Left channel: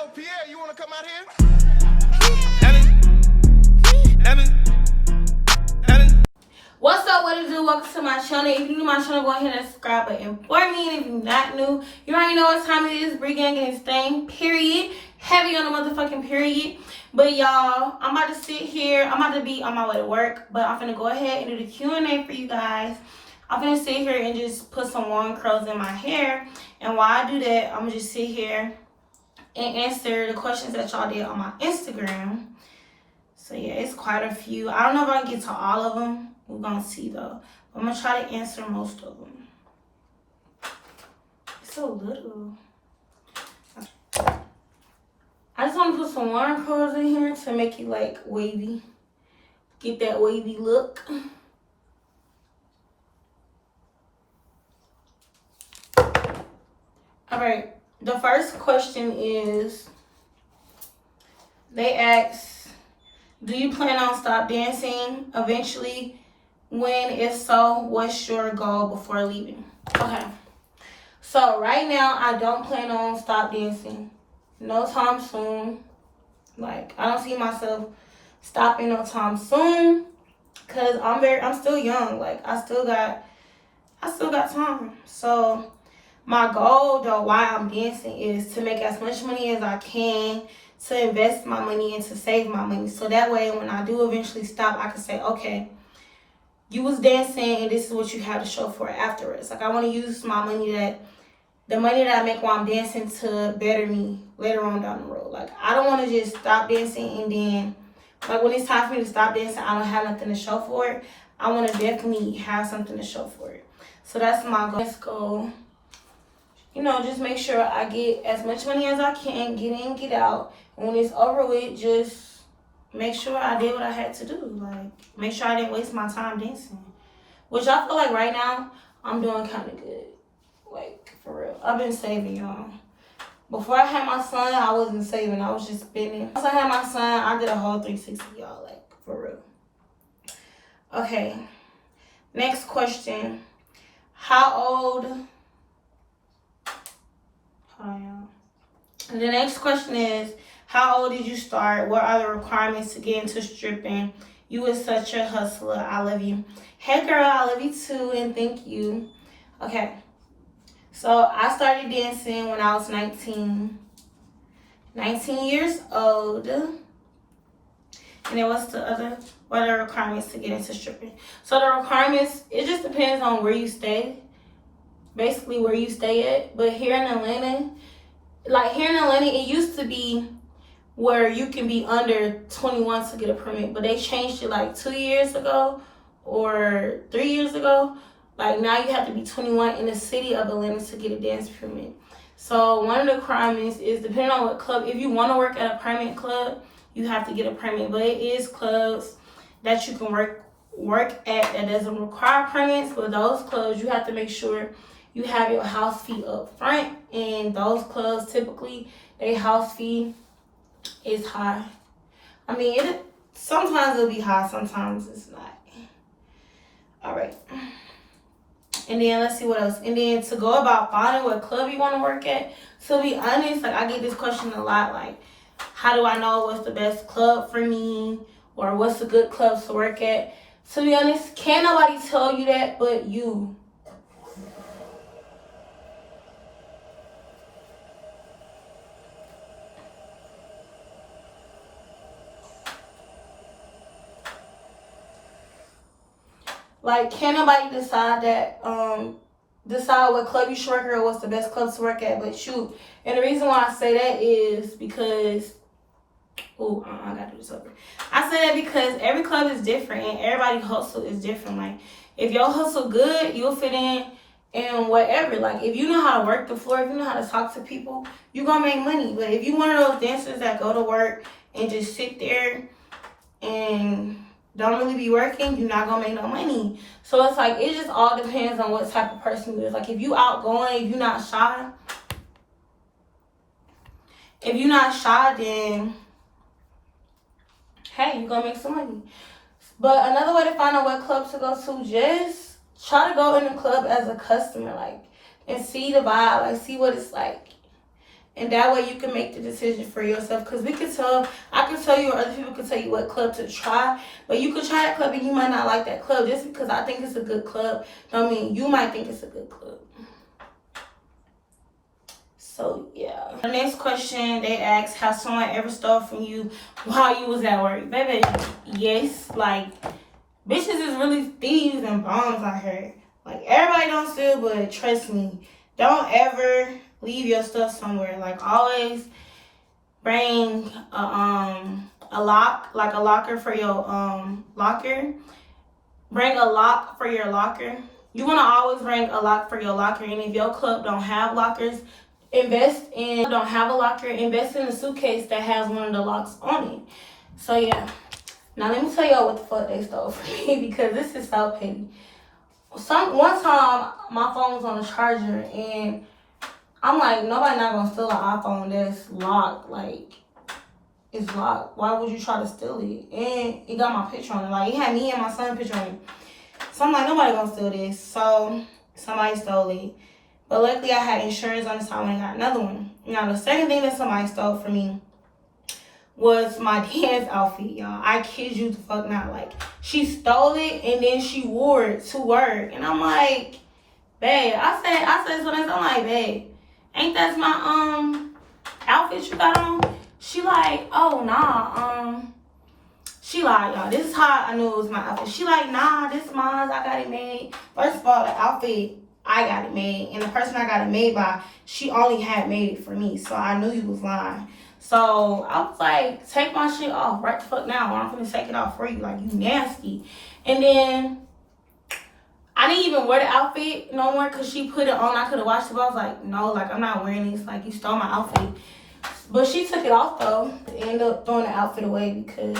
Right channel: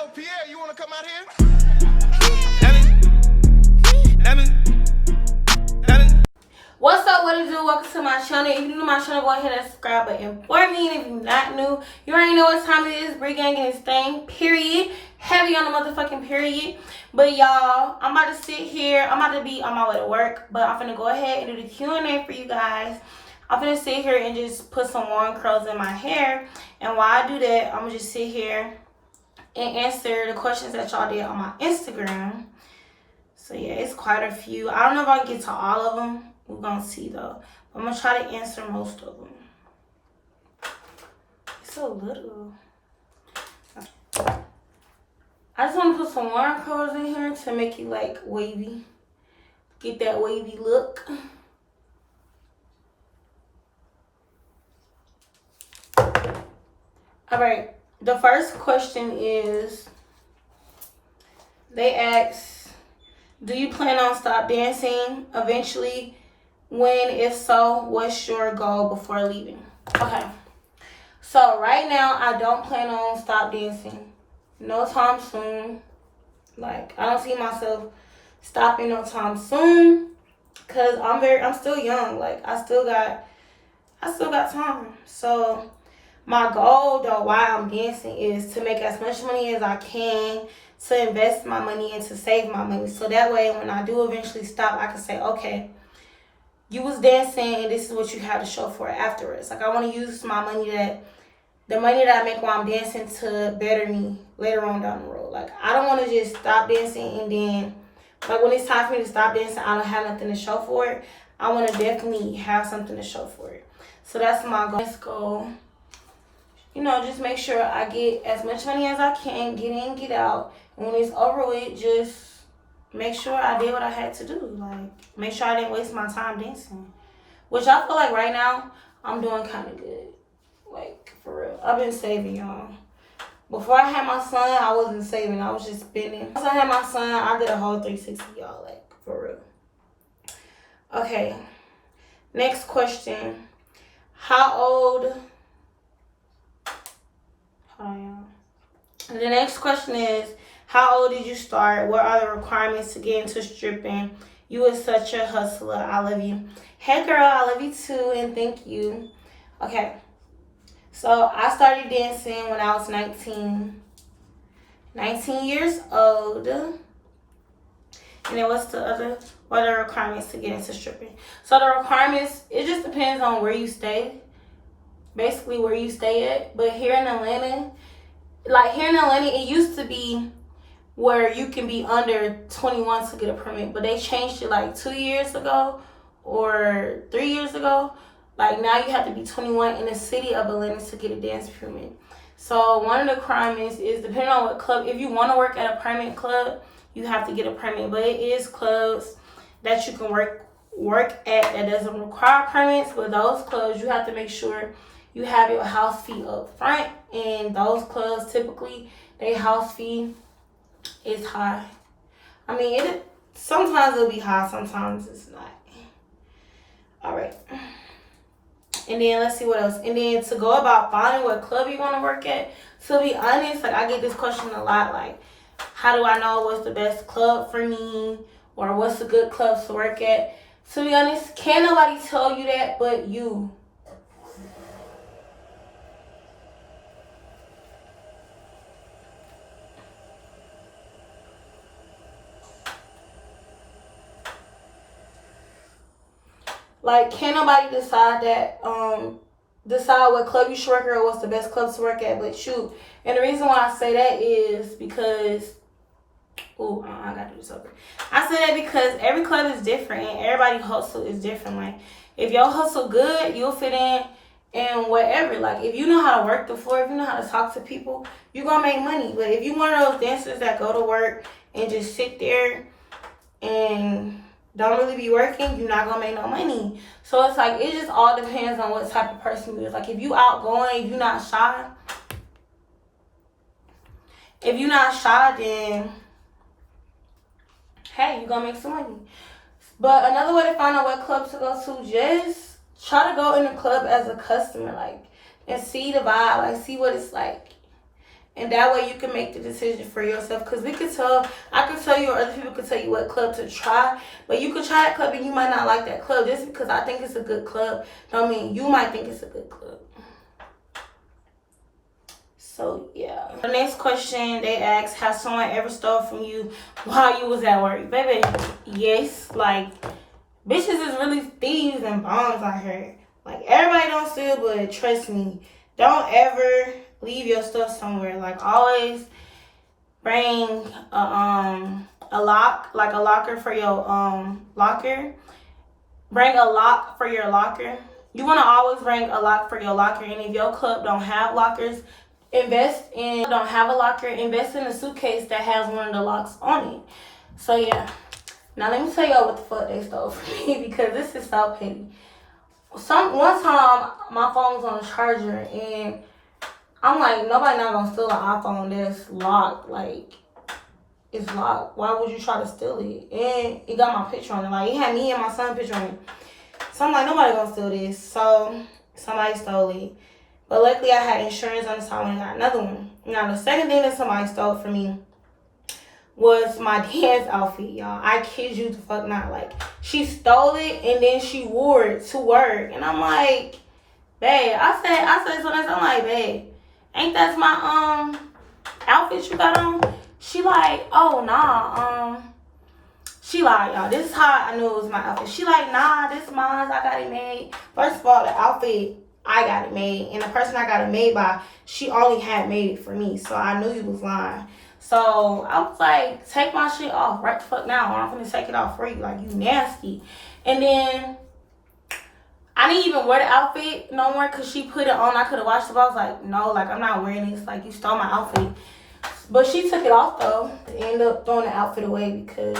Yo, Pierre, you wanna come out here? What's up, what it do? Welcome to my channel. If you're new to my channel, go ahead and subscribe button for me. And if you're not new, you already know what time it is. Bree gang and this thing, period. Heavy on the motherfucking period. But y'all, I'm about to sit here. I'm about to be on my way to work, but I'm finna go ahead and do the Q&A for you guys. I'm finna sit here and just put some long curls in my hair. And while I do that, I'm gonna just sit here and answer the questions that y'all did on my Instagram. So yeah, it's quite a few. I don't know if I can get to all of them. We're gonna see though. I'm gonna try to answer most of them. It's so little. I just want to put some long curls in here to make it like wavy. Get that wavy look. Alright, the first question is, they ask, do you plan on stop dancing eventually? When, if so, what's your goal before leaving? Okay, so right now I don't plan on stop dancing no time soon. Like, I don't see myself stopping no time soon, cause I'm still young. Like, I still got time. So my goal though while I'm dancing is to make as much money as I can, to invest my money and to save my money, so that way when I do eventually stop, I can say, okay, you was dancing and this is what you have to show for it afterwards. Like, I want to use my money, the money that I make while I'm dancing, to better me later on down the road. Like, I don't want to just stop dancing and then, like, when it's time for me to stop dancing, I don't have nothing to show for it. I want to definitely have something to show for it. So that's my goal. Let's go. You know, just make sure I get as much money as I can, get in, get out. And when it's over with, just make sure I did what I had to do. Like, make sure I didn't waste my time dancing. Which I feel like right now, I'm doing kind of good. Like, for real. I've been saving, y'all. Before I had my son, I wasn't saving. I was just spending. Once I had my son, I did a whole 360, y'all. Like, for real. Okay. Next question. How old... Hold on, y'all. The next question is, how old did you start? What are the requirements to get into stripping? You was such a hustler. I love you. Hey, girl, I love you too, and thank you. Okay. So, I started dancing when I was 19 years old. And then what are the requirements to get into stripping? So, the requirements, it just depends on where you stay. Basically, where you stay at. But here in Atlanta, it used to be where you can be under 21 to get a permit, but they changed it like 2 years ago or 3 years ago. Like, now you have to be 21 in the city of Atlanta to get a dance permit. So one of the requirements is, depending on what club, if you want to work at a permit club, you have to get a permit. But it is clubs that you can work at that doesn't require permits. But those clubs, you have to make sure you have your house fee up front. And those clubs, typically, their house fee is high. I mean, sometimes it'll be high, sometimes it's not. All right. And then let's see what else. And then to go about finding what club you want to work at, to be honest, like, I get this question a lot, like, how do I know what's the best club for me, or what's a good club to work at? To be honest, can't nobody tell you that but you. Like, can't nobody decide what club you should work at or what's the best club to work at but you. And the reason why I say that is because, I gotta do this over. I say that because every club is different and everybody's hustle is different. Like, if your hustle good, you'll fit in whatever. Like, if you know how to work the floor, if you know how to talk to people, you gonna make money. But if you one of those dancers that go to work and just sit there and don't really be working, you're not gonna make no money. So it's like, it just all depends on what type of person you is. Like, if you outgoing, if you're not shy, then hey, you're gonna make some money. But another way to find out what club to go to, just try to go in the club as a customer, like, and see the vibe, like, see what it's like. And that way you can make the decision for yourself. Because I can tell you, or other people can tell you what club to try. But you could try that club and you might not like that club. Just because I think it's a good club don't mean you might think it's a good club. So yeah. The next question they ask, has someone ever stole from you while you was at work? Baby, yes. Like, bitches is really thieves and bombs out here. Like, everybody don't steal, but trust me, don't ever leave your stuff somewhere. Like, always bring a locker for your locker. Bring a lock for your locker. You want to always bring a lock for your locker. And if your club don't have lockers, invest in a suitcase that has one of the locks on it. So yeah. Now let me tell y'all what the fuck they stole from me, because this is so petty. One time my phone was on the charger and I'm like, nobody not gonna steal an iPhone that's locked. Like, it's locked. Why would you try to steal it? And it got my picture on it. Like, it had me and my son's picture on it. So I'm like, nobody gonna steal this. So somebody stole it. But luckily I had insurance on the time and I got another one. Now the second thing that somebody stole from me was my dance outfit, y'all. I kid you the fuck not. Like, she stole it and then she wore it to work. And I'm like, babe, I said so. I'm like, babe, ain't that my outfit you got on? She like, oh nah, she like, y'all, this is how I knew it was my outfit. She like, nah, this is mine, I got it made. First of all, the outfit, I got it made, and the person I got it made by, she only had made it for me, so I knew you was lying. So I was like, take my shit off right the fuck now, or I'm gonna take it off for you. Like, you nasty. And then I didn't even wear the outfit no more because she put it on. I could have watched it, but I was like, no, like, I'm not wearing this. Like, you stole my outfit. But she took it off though. Ended up throwing the outfit away because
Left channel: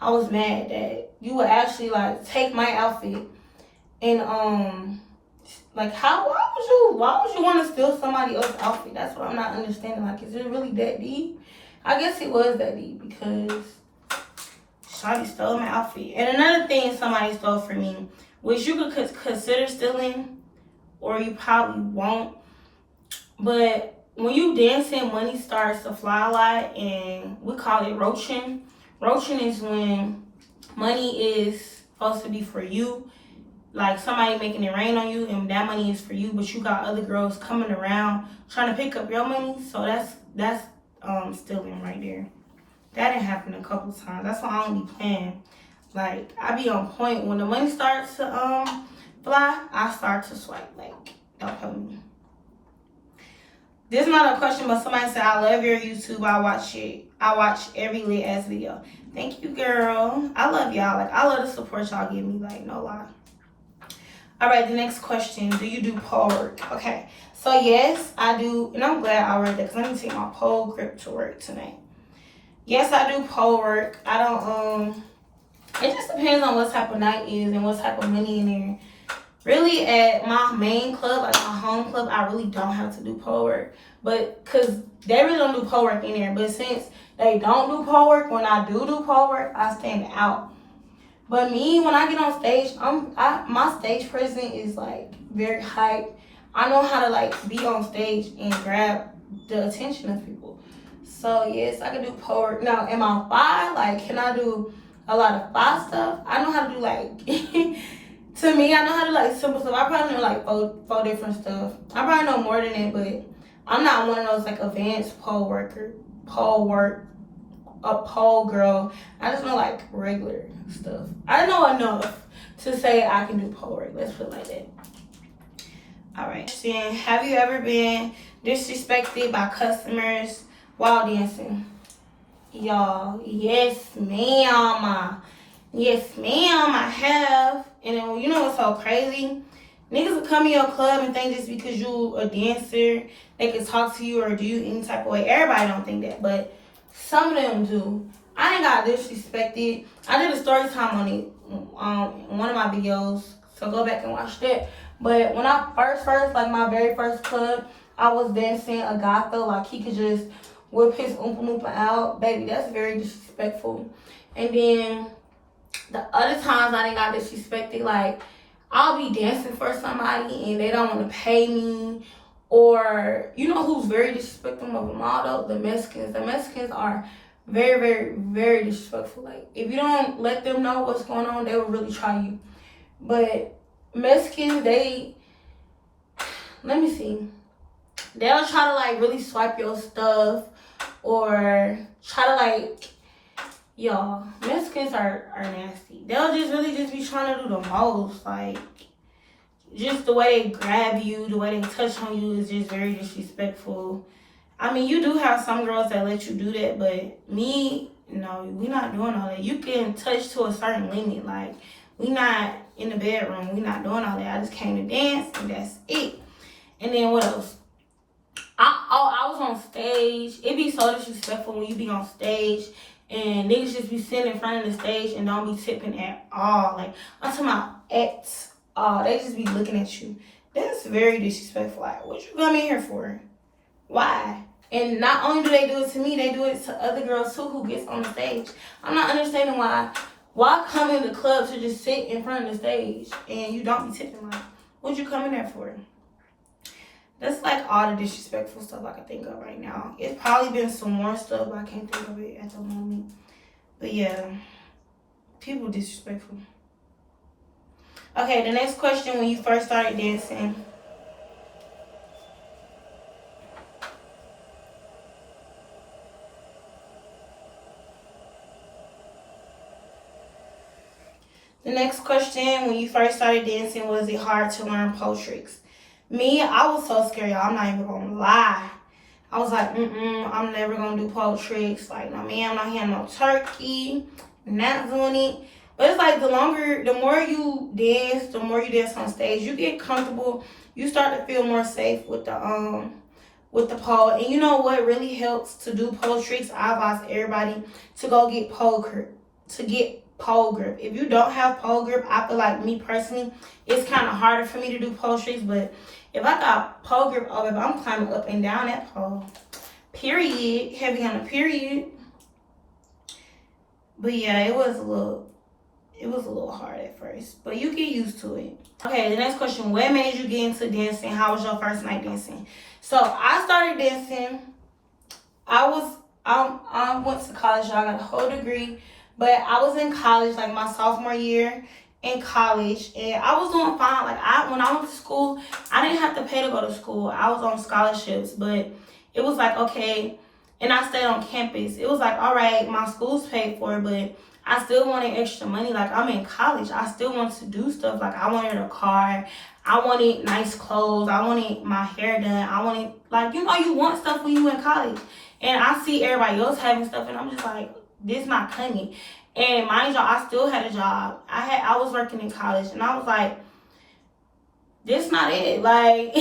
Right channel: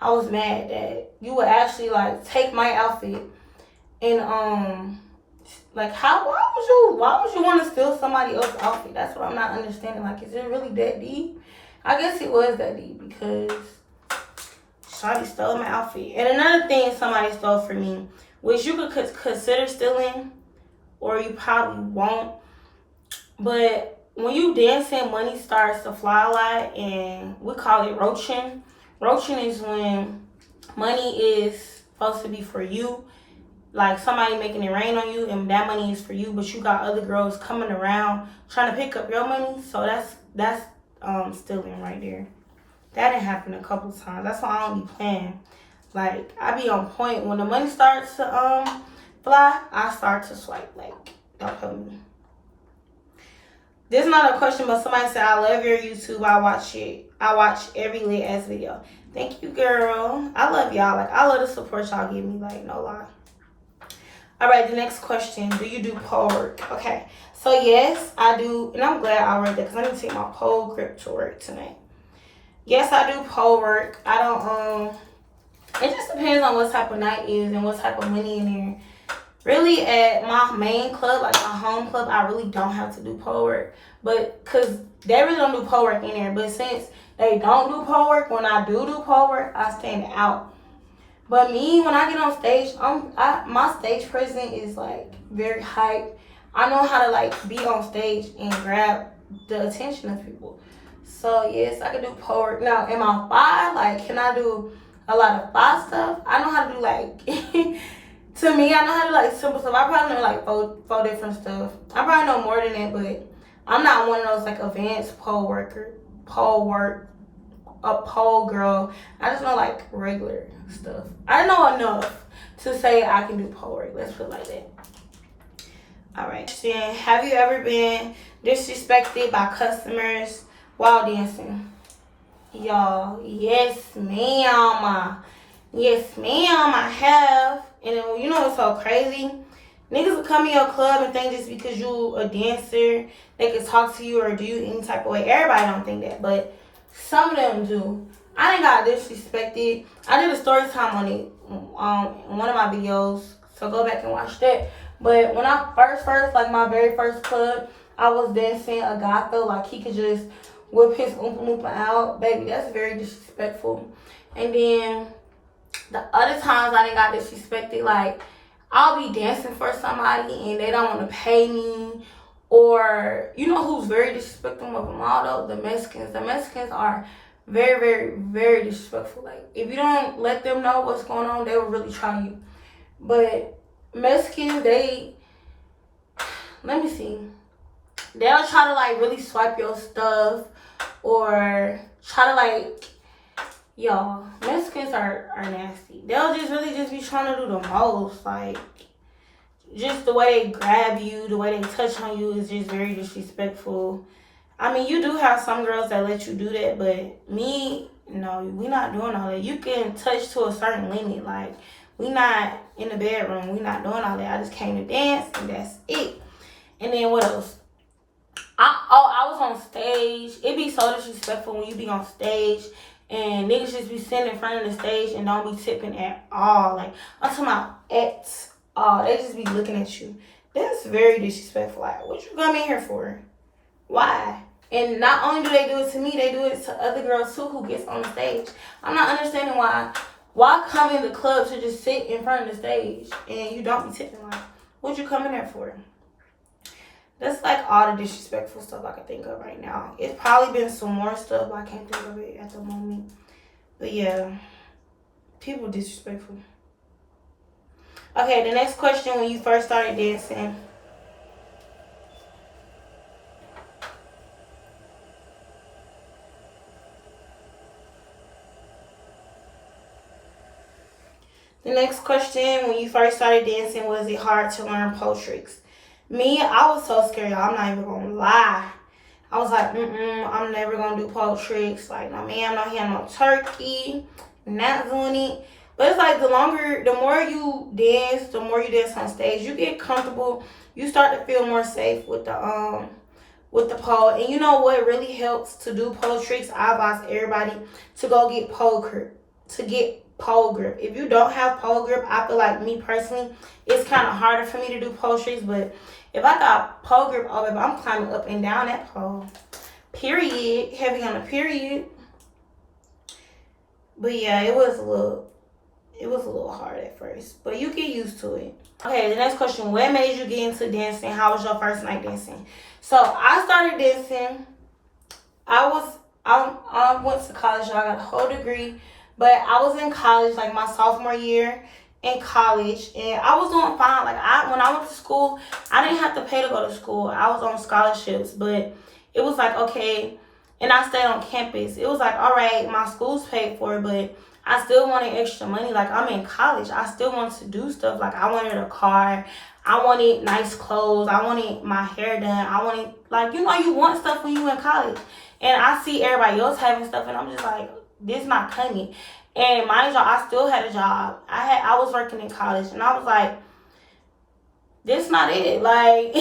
I was mad that you would actually like take my outfit and like, why would you want to steal somebody else's outfit? That's what I'm not understanding. Like, is it really that deep? I guess it was that deep because somebody stole my outfit. And another thing somebody stole from me, which you could consider stealing, or you probably won't, but when you dancing, money starts to fly a lot, and we call it roaching. Roaching is when money is supposed to be for you, like somebody making it rain on you, and that money is for you, but you got other girls coming around trying to pick up your money. So that's stealing right there. That didn't happen a couple times. That's why I don't be playing. Like, I be on point. When the money starts to fly, I start to swipe. Like, don't play with me. This is not a question, but somebody said, I love your YouTube. I watch it. I watch every lit ass video. Thank you, girl. I love y'all. Like, I love the support y'all give me. Like, no lie. All right, the next question. Do you do pole work? Okay. So, yes, I do. And I'm glad I read that because I need to take my pole grip to work tonight. Yes, I do pole work. I don't, it just depends on what type of night is and what type of money in there. Really, at my main club, like my home club, I really don't have to do pole work. But, because they really don't do pole work in there. But since they don't do pole work, when I do pole work, I stand out. But me, when I get on stage, my stage presence is, like, very hype. I know how to, like, be on stage and grab the attention of people. So, yes, I can do pole work. Now, am I fly? Like, can I do a lot of fly stuff? I know how to do, like... To me, I know how to do, like, simple stuff. I probably know, like, four different stuff. I probably know more than that, but I'm not one of those, like, advanced pole girl. I just know, like, regular stuff. I know enough to say I can do pole work. Let's put it like that. All right. Have you ever been disrespected by customers while dancing? Y'all, yes, ma'am. Yes, ma'am, I have. And then, you know what's so crazy? Niggas will come in your club and think just because you a dancer, they can talk to you or do you any type of way. Everybody don't think that, but some of them do. I done got disrespected. I did a story time on it, in one of my videos, so go back and watch that. But when I first, like my very first club, I was dancing a guy felt like he could just whip his oompa loompa out. Baby, that's very disrespectful. And then the other times I done got disrespected, like, I'll be dancing for somebody and they don't want to pay me, Or you know who's very disrespectful of them all though? The Mexicans. The Mexicans are very, very, very disrespectful. Like if you don't let them know what's going on, they will really try you. But Mexicans, let me see. They'll try to like really swipe your stuff or try to like, y'all, Mexicans are nasty. They'll just really just be trying to do the most. Like just the way they grab you, the way they touch on you is just very disrespectful. I mean, you do have some girls that let you do that, but me, no, we not doing all that. You can touch to a certain limit. Like, we not in the bedroom. We not doing all that. I just came to dance, and that's it. And then what else? I was on stage. It be so disrespectful when you be on stage and niggas just be sitting in front of the stage and don't be tipping at all. Like, I'm talking about at all. They just be looking at you. That's very disrespectful. Like, what you come in here for? Why? And not only do they do it to me, they do it to other girls too who gets on the stage. I'm not understanding why come in the club to just sit in front of the stage and you don't be tipping. Like, what you come in there for? That's like all the disrespectful stuff I can think of right now. It's probably been some more stuff, but I can't think of it at the moment. But yeah, people disrespectful. Okay, the next question, when you first started dancing. The next question, when you first started dancing, was it hard to learn pole tricks? Me, I was so scared, y'all. I'm not even gonna lie. I was like, I'm never gonna do pole tricks. Like, no, man, I'm not hitting no turkey. Not doing it. But it's like the more you dance, the more you dance on stage, you get comfortable. You start to feel more safe with the pole. And you know what really helps to do pole tricks? I advise everybody to go get pole grip. If you don't have pole grip, I feel like, me personally, it's kind of harder for me to do pole tricks. But if I got pole grip, I'm climbing up and down that pole. Period. Heavy on the period. But yeah, it was a little hard at first, but you get used to it. Okay, the next question: what made you get into dancing? How was your first night dancing? So I started dancing. I went to college. I got a whole degree, but I was in college like my sophomore year in college, and I was doing fine. Like when I went to school, I didn't have to pay to go to school. I was on scholarships, but it was like, okay, and I stayed on campus. It was like, all right, my school's paid for, but I still wanted extra money. Like, I'm in college. I still wanted to do stuff. Like, I wanted a car. I wanted nice clothes. I wanted my hair done. I wanted, like, you know, you want stuff when you in college. And I see everybody else having stuff, and I'm just like, this not coming. And mind y'all, I still had a job. I was working in college, and I was like, this not it. Like,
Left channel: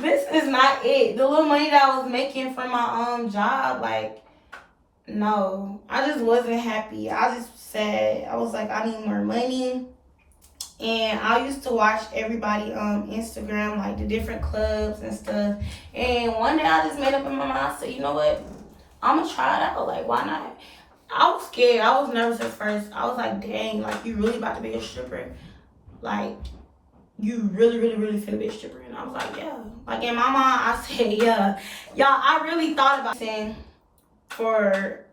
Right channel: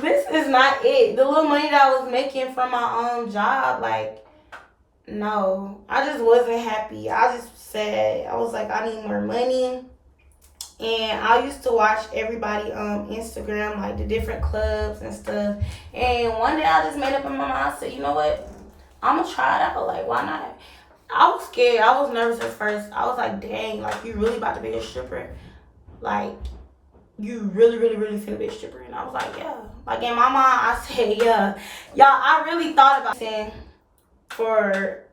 this is not it. The little money that I was making from my job, like, no, I just wasn't happy. I just said, I was like, I need more money. And I used to watch everybody on Instagram, like the different clubs and stuff. And one day I just made up in my mind, I said, you know what? I'm going to try it out. Like, why not? I was scared. I was nervous at first. I was like, dang, like, you really about to be a stripper? Like, you really, really, really finna be a stripper? And I was like, yeah. Like, in my mind, I said, yeah. Y'all, I really thought about saying, for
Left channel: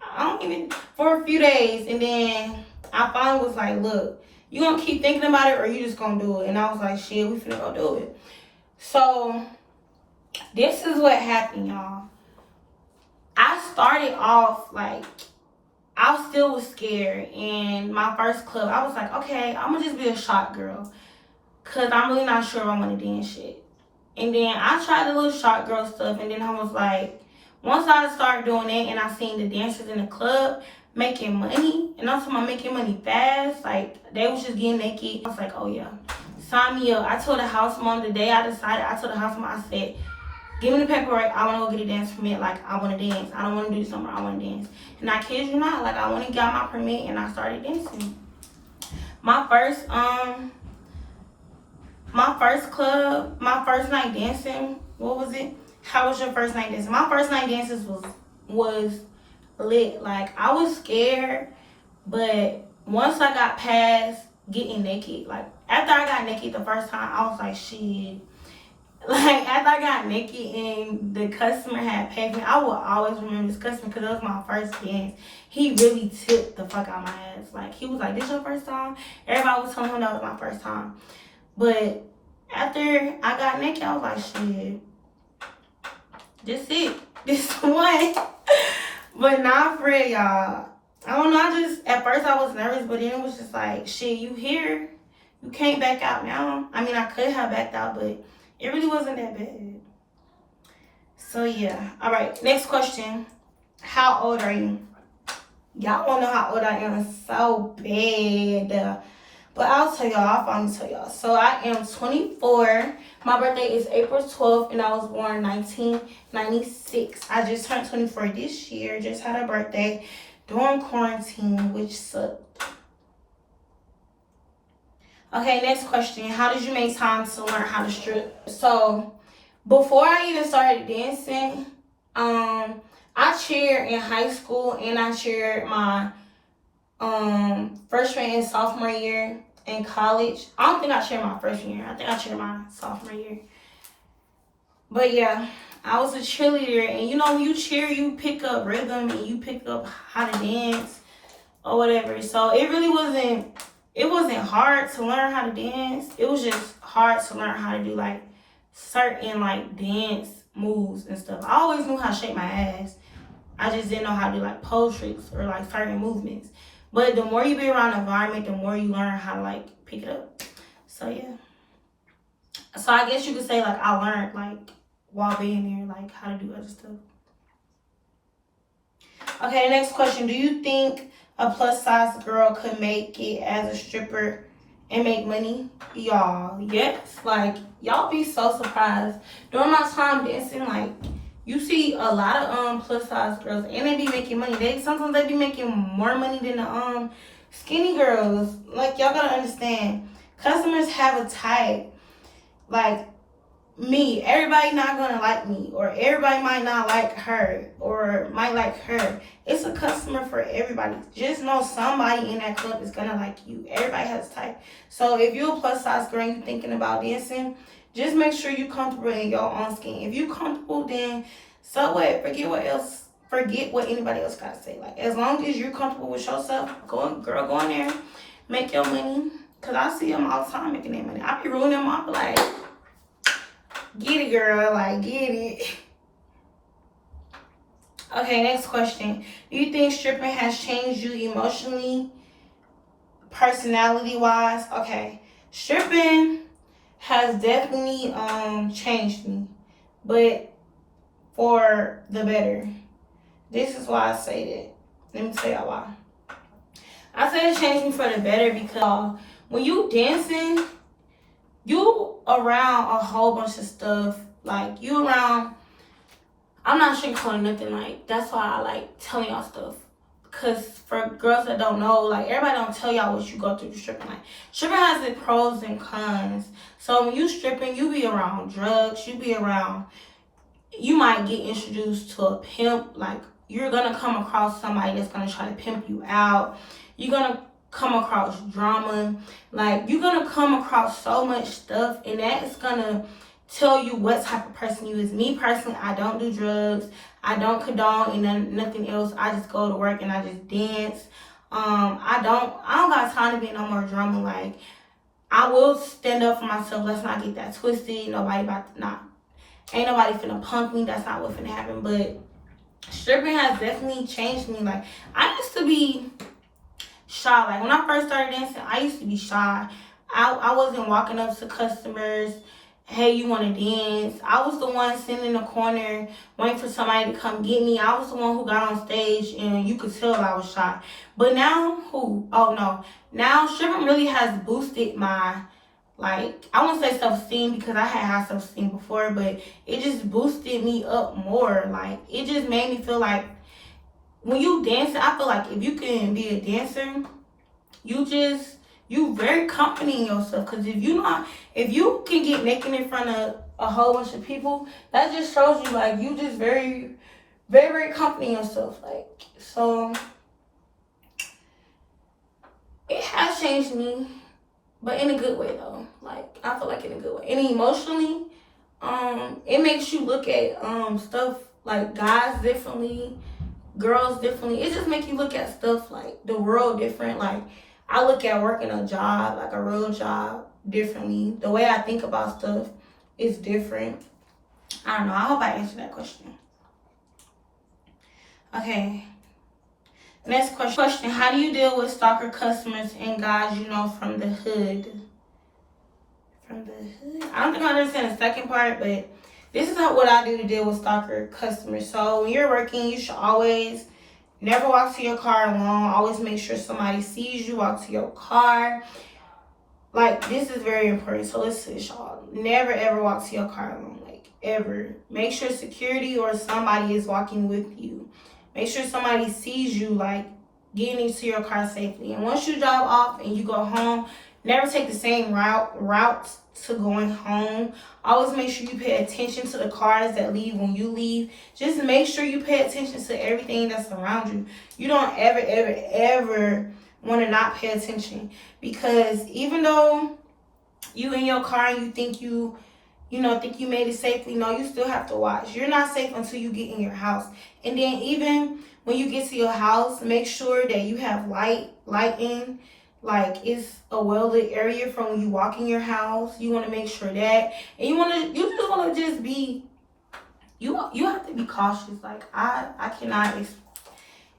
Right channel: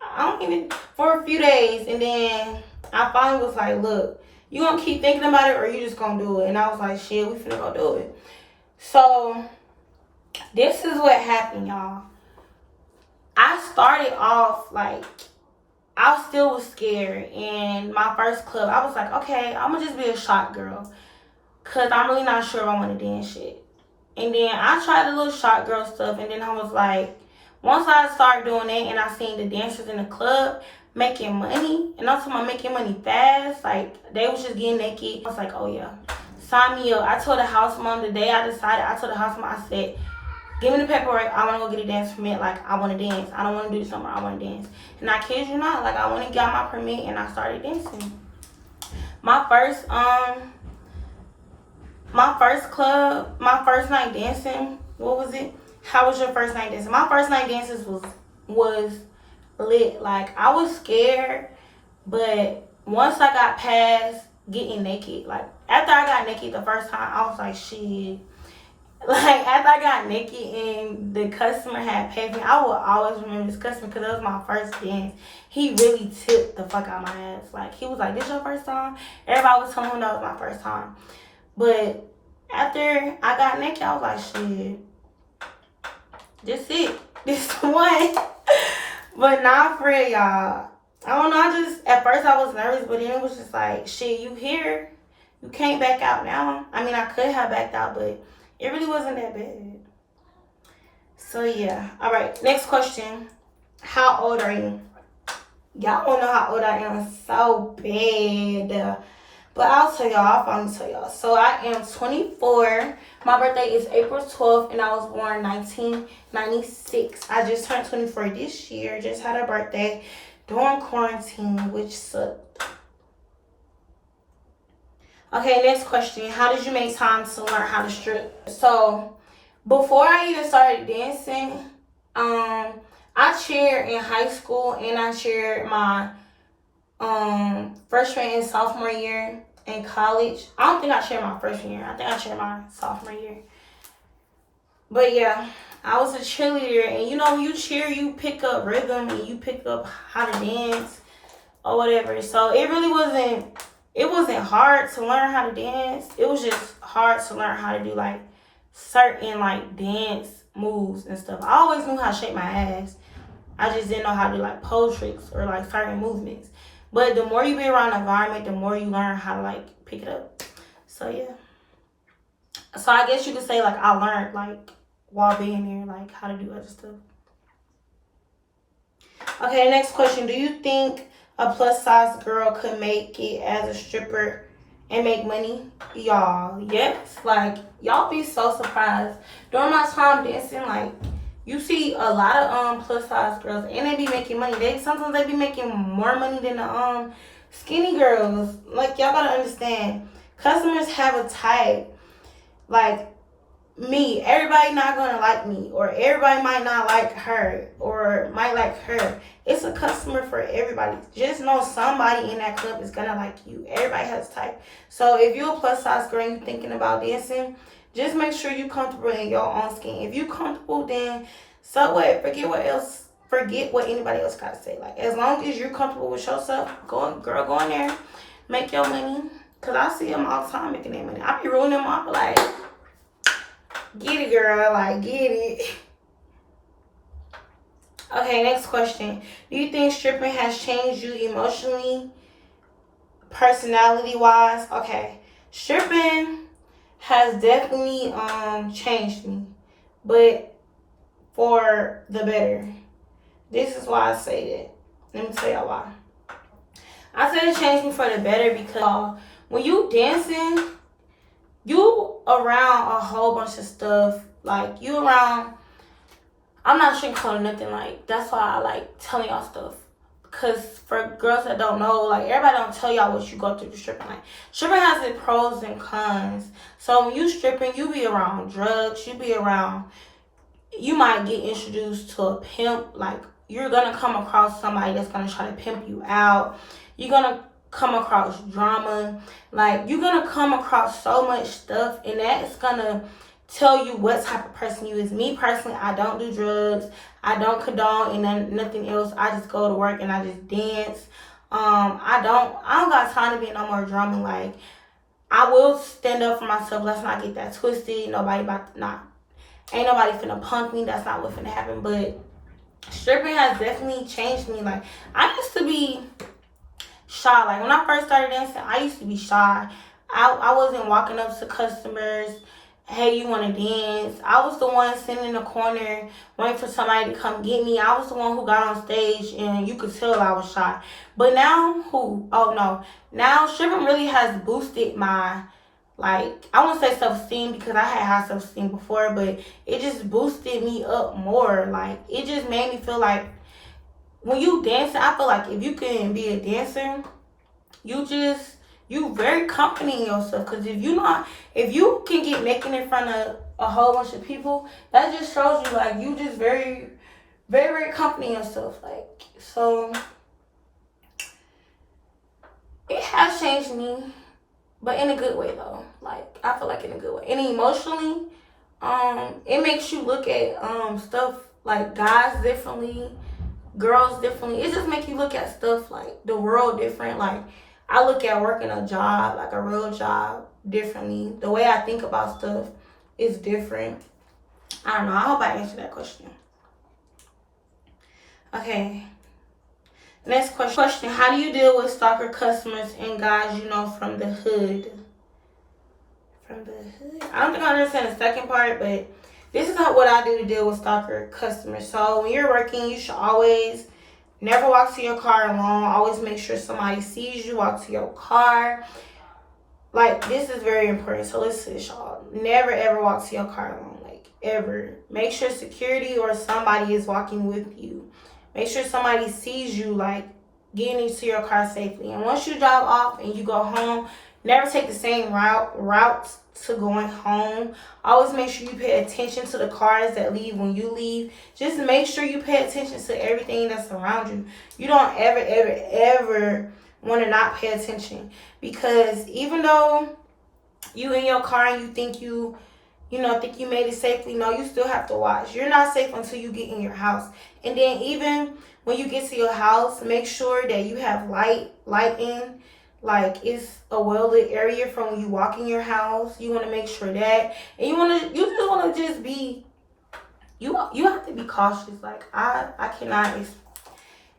a few days, and then I finally was like, look, you gonna keep thinking about it or you just gonna do it? And I was like, shit, we finna go do it. So this is what happened, y'all. I started off like, I still was scared. And my first club, I was like, okay, I'm gonna just be a shot girl, cause I'm really not sure if I want to dance shit. And then I tried the little shot girl stuff, and then I was like, once I started doing that and I seen the dancers in the club making money, and I'm talking about making money fast, like they was just getting naked, I was like, oh yeah, sign me up. I told the house mom the day I decided, I told the house mom, I said, give me the paperwork, I want to go get a dance permit. Like, I want to dance. I don't want to do this somewhere, I want to dance. And I kid you not, like, I went and got my permit and I started dancing. My first club, my first night dancing, what was it? How was your first night dancing? My first night dances was lit. Like, I was scared, but once I got past getting naked, like after I got naked the first time, I was like, shit. Like, after I got naked and the customer had paid me, I will always remember this customer because that was my first dance. He really tipped the fuck out my ass. Like, he was like, this your first time? Everybody was telling him that was my first time. But after I got naked, I was like, shit, this it. This the one. But not for real, y'all. I don't know, at first I was nervous, but then it was just like, shit, you here. You can't back out now. I mean, I could have backed out, but it really wasn't that bad. So, yeah. All right, next question. How old are you? Y'all want to know how old I am so bad. But I'll tell y'all. I'll finally tell y'all. So, I am 24. My birthday is April 12th, and I was born 1996. I just turned 24 this year. Just had a birthday during quarantine, which sucked. Okay, next question. How did you make time to learn how to strip? So, before I even started dancing, I cheered in high school and I cheered my freshman and sophomore year in college. I don't think I cheered my freshman year. I think I cheered my sophomore year. But yeah, I was a cheerleader, and you know, when you cheer, you pick up rhythm and you pick up how to dance or whatever. So it really wasn't hard to learn how to dance. It was just hard to learn how to do like certain like dance moves and stuff. I always knew how to shake my ass. I just didn't know how to do like pole tricks or like certain movements. But the more you be around the environment, the more you learn how to like pick it up. So yeah. So I guess you could say like I learned like while being there, like how to do other stuff. Okay, next question. Do you think a plus size girl could make it as a stripper and make money? Y'all, yes. Like, y'all be so surprised. During my time dancing, like, you see a lot of plus size girls and they be making money. Sometimes they be making more money than the skinny girls. Like, y'all gotta understand. Customers have a type. Like, me, everybody not gonna like me, or everybody might not like her, or might like her. It's a customer for everybody. Just know somebody in that club is gonna like you. Everybody has a type. So if you're a plus size girl and you thinking about dancing, just make sure you comfortable in your own skin. If you comfortable, then so what? Forget what anybody else gotta say. Like, as long as you're comfortable with yourself, go in there, make your money. Cause I see them all the time making their money. I be ruining them off like, get it, girl. Like, get it. Okay, next question. Do you think stripping has changed you emotionally, personality-wise? Okay. Stripping has definitely changed me, but for the better. This is why I say that. Let me tell y'all why. I said it changed me for the better because when you dancing, you around a whole bunch of stuff. Like, you around, I'm not sugarcoating nothing. Like, that's why I like telling y'all stuff. Because for girls that don't know, like, everybody don't tell y'all what you go through to stripping. Like, stripping has its pros and cons. So when you stripping, you be around drugs. You might get introduced to a pimp. Like, you're going to come across somebody that's going to try to pimp you out. You're going to come across drama. Like, you're going to come across so much stuff, and that's going to tell you what type of person you is. Me personally, I don't do drugs. I don't condone and nothing else. I just go to work and I just dance. I don't got time to be in no more drama. Like, I will stand up for myself. Let's not get that twisted. Ain't nobody finna punk me. That's not what's finna happen. But stripping has definitely changed me. Like, I used to be shy. Like, when I first started dancing, I used to be shy. I wasn't walking up to customers, hey, you want to dance? I was the one sitting in the corner waiting for somebody to come get me. I was the one who got on stage, and you could tell I was shy. But now, now stripping really has boosted my, like, I won't say self-esteem because I had high self-esteem before, but it just boosted me up more. Like, it just made me feel like when you dance, I feel like if you can be a dancer, you very confident in yourself. Because if you can get naked in front of a whole bunch of people, that just shows you, like, you just very, very, very confident in yourself. Like, so it has changed me, but in a good way, though. Like, I feel like in a good way. And emotionally, it makes you look at stuff like guys differently, girls differently. It just makes you look at stuff like the world different. Like I look at working a job, like a real job, differently. The way I think about stuff is different. I don't know. I hope I answered that question. Okay. Next question. How do you deal with stalker customers and guys you know from the hood? From the hood? I don't think I understand the second part, but this is what I do to deal with stalker customers. So when you're working, you should always never walk to your car alone. Always make sure somebody sees you walk to your car. Like, this is very important. So listen, y'all. Never ever walk to your car alone. Like, ever. Make sure security or somebody is walking with you. Make sure somebody sees you, like, getting into your car safely. And once you drive off and you go home, never take the same route to going home. Always make sure you pay attention to the cars that leave when you leave. Just make sure you pay attention to everything that's around you. You don't ever want to not pay attention. Because even though you in your car and you think you made it safely, no, you still have to watch. You're not safe until you get in your house. And then even when you get to your house, make sure that you have lighting. Like, it's a well-lit area from when you walk in your house. You want to make sure that. And you just want to just be, you have to be cautious. Like, I cannot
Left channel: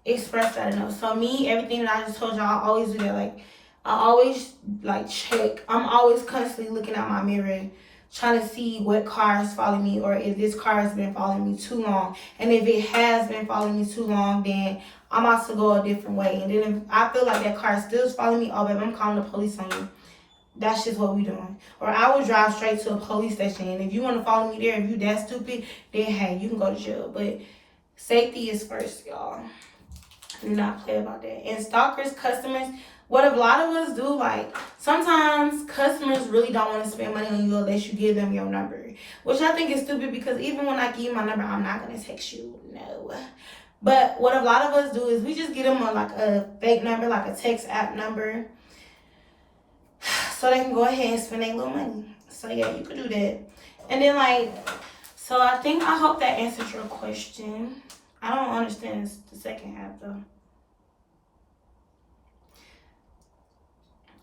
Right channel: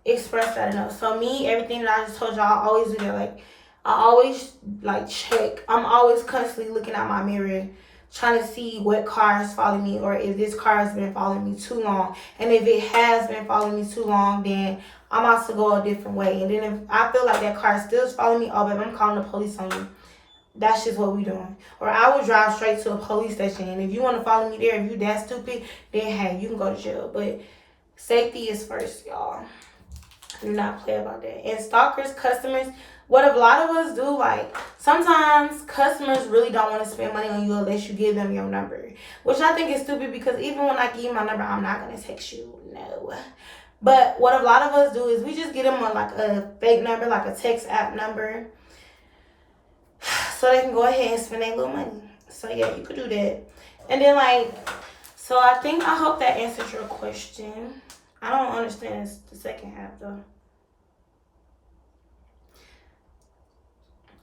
express that enough. So me, everything that I just told y'all, I always do that. Like, I always, like, check. I'm always constantly looking at my mirror, trying to see what car is following me, or if this car has been following me too long. And if it has been following me too long, then I'm about to go a different way. And then if I feel like that car still is following me, oh, babe, I'm calling the police on you. That's just what we doing. Or I will drive straight to a police station. And if you want to follow me there, if you that stupid, then hey, you can go to jail. But safety is first, y'all. Do not play about that. And stalkers, customers, what a lot of us do, like, sometimes customers really don't want to spend money on you unless you give them your number. Which I think is stupid, because even when I give you my number, I'm not going to text you. No. But what a lot of us do is we just get them a fake number, like a text app number, so they can go ahead and spend their little money. So yeah, you could do that. And then, like, so I hope that answered your question. I don't understand the second half though.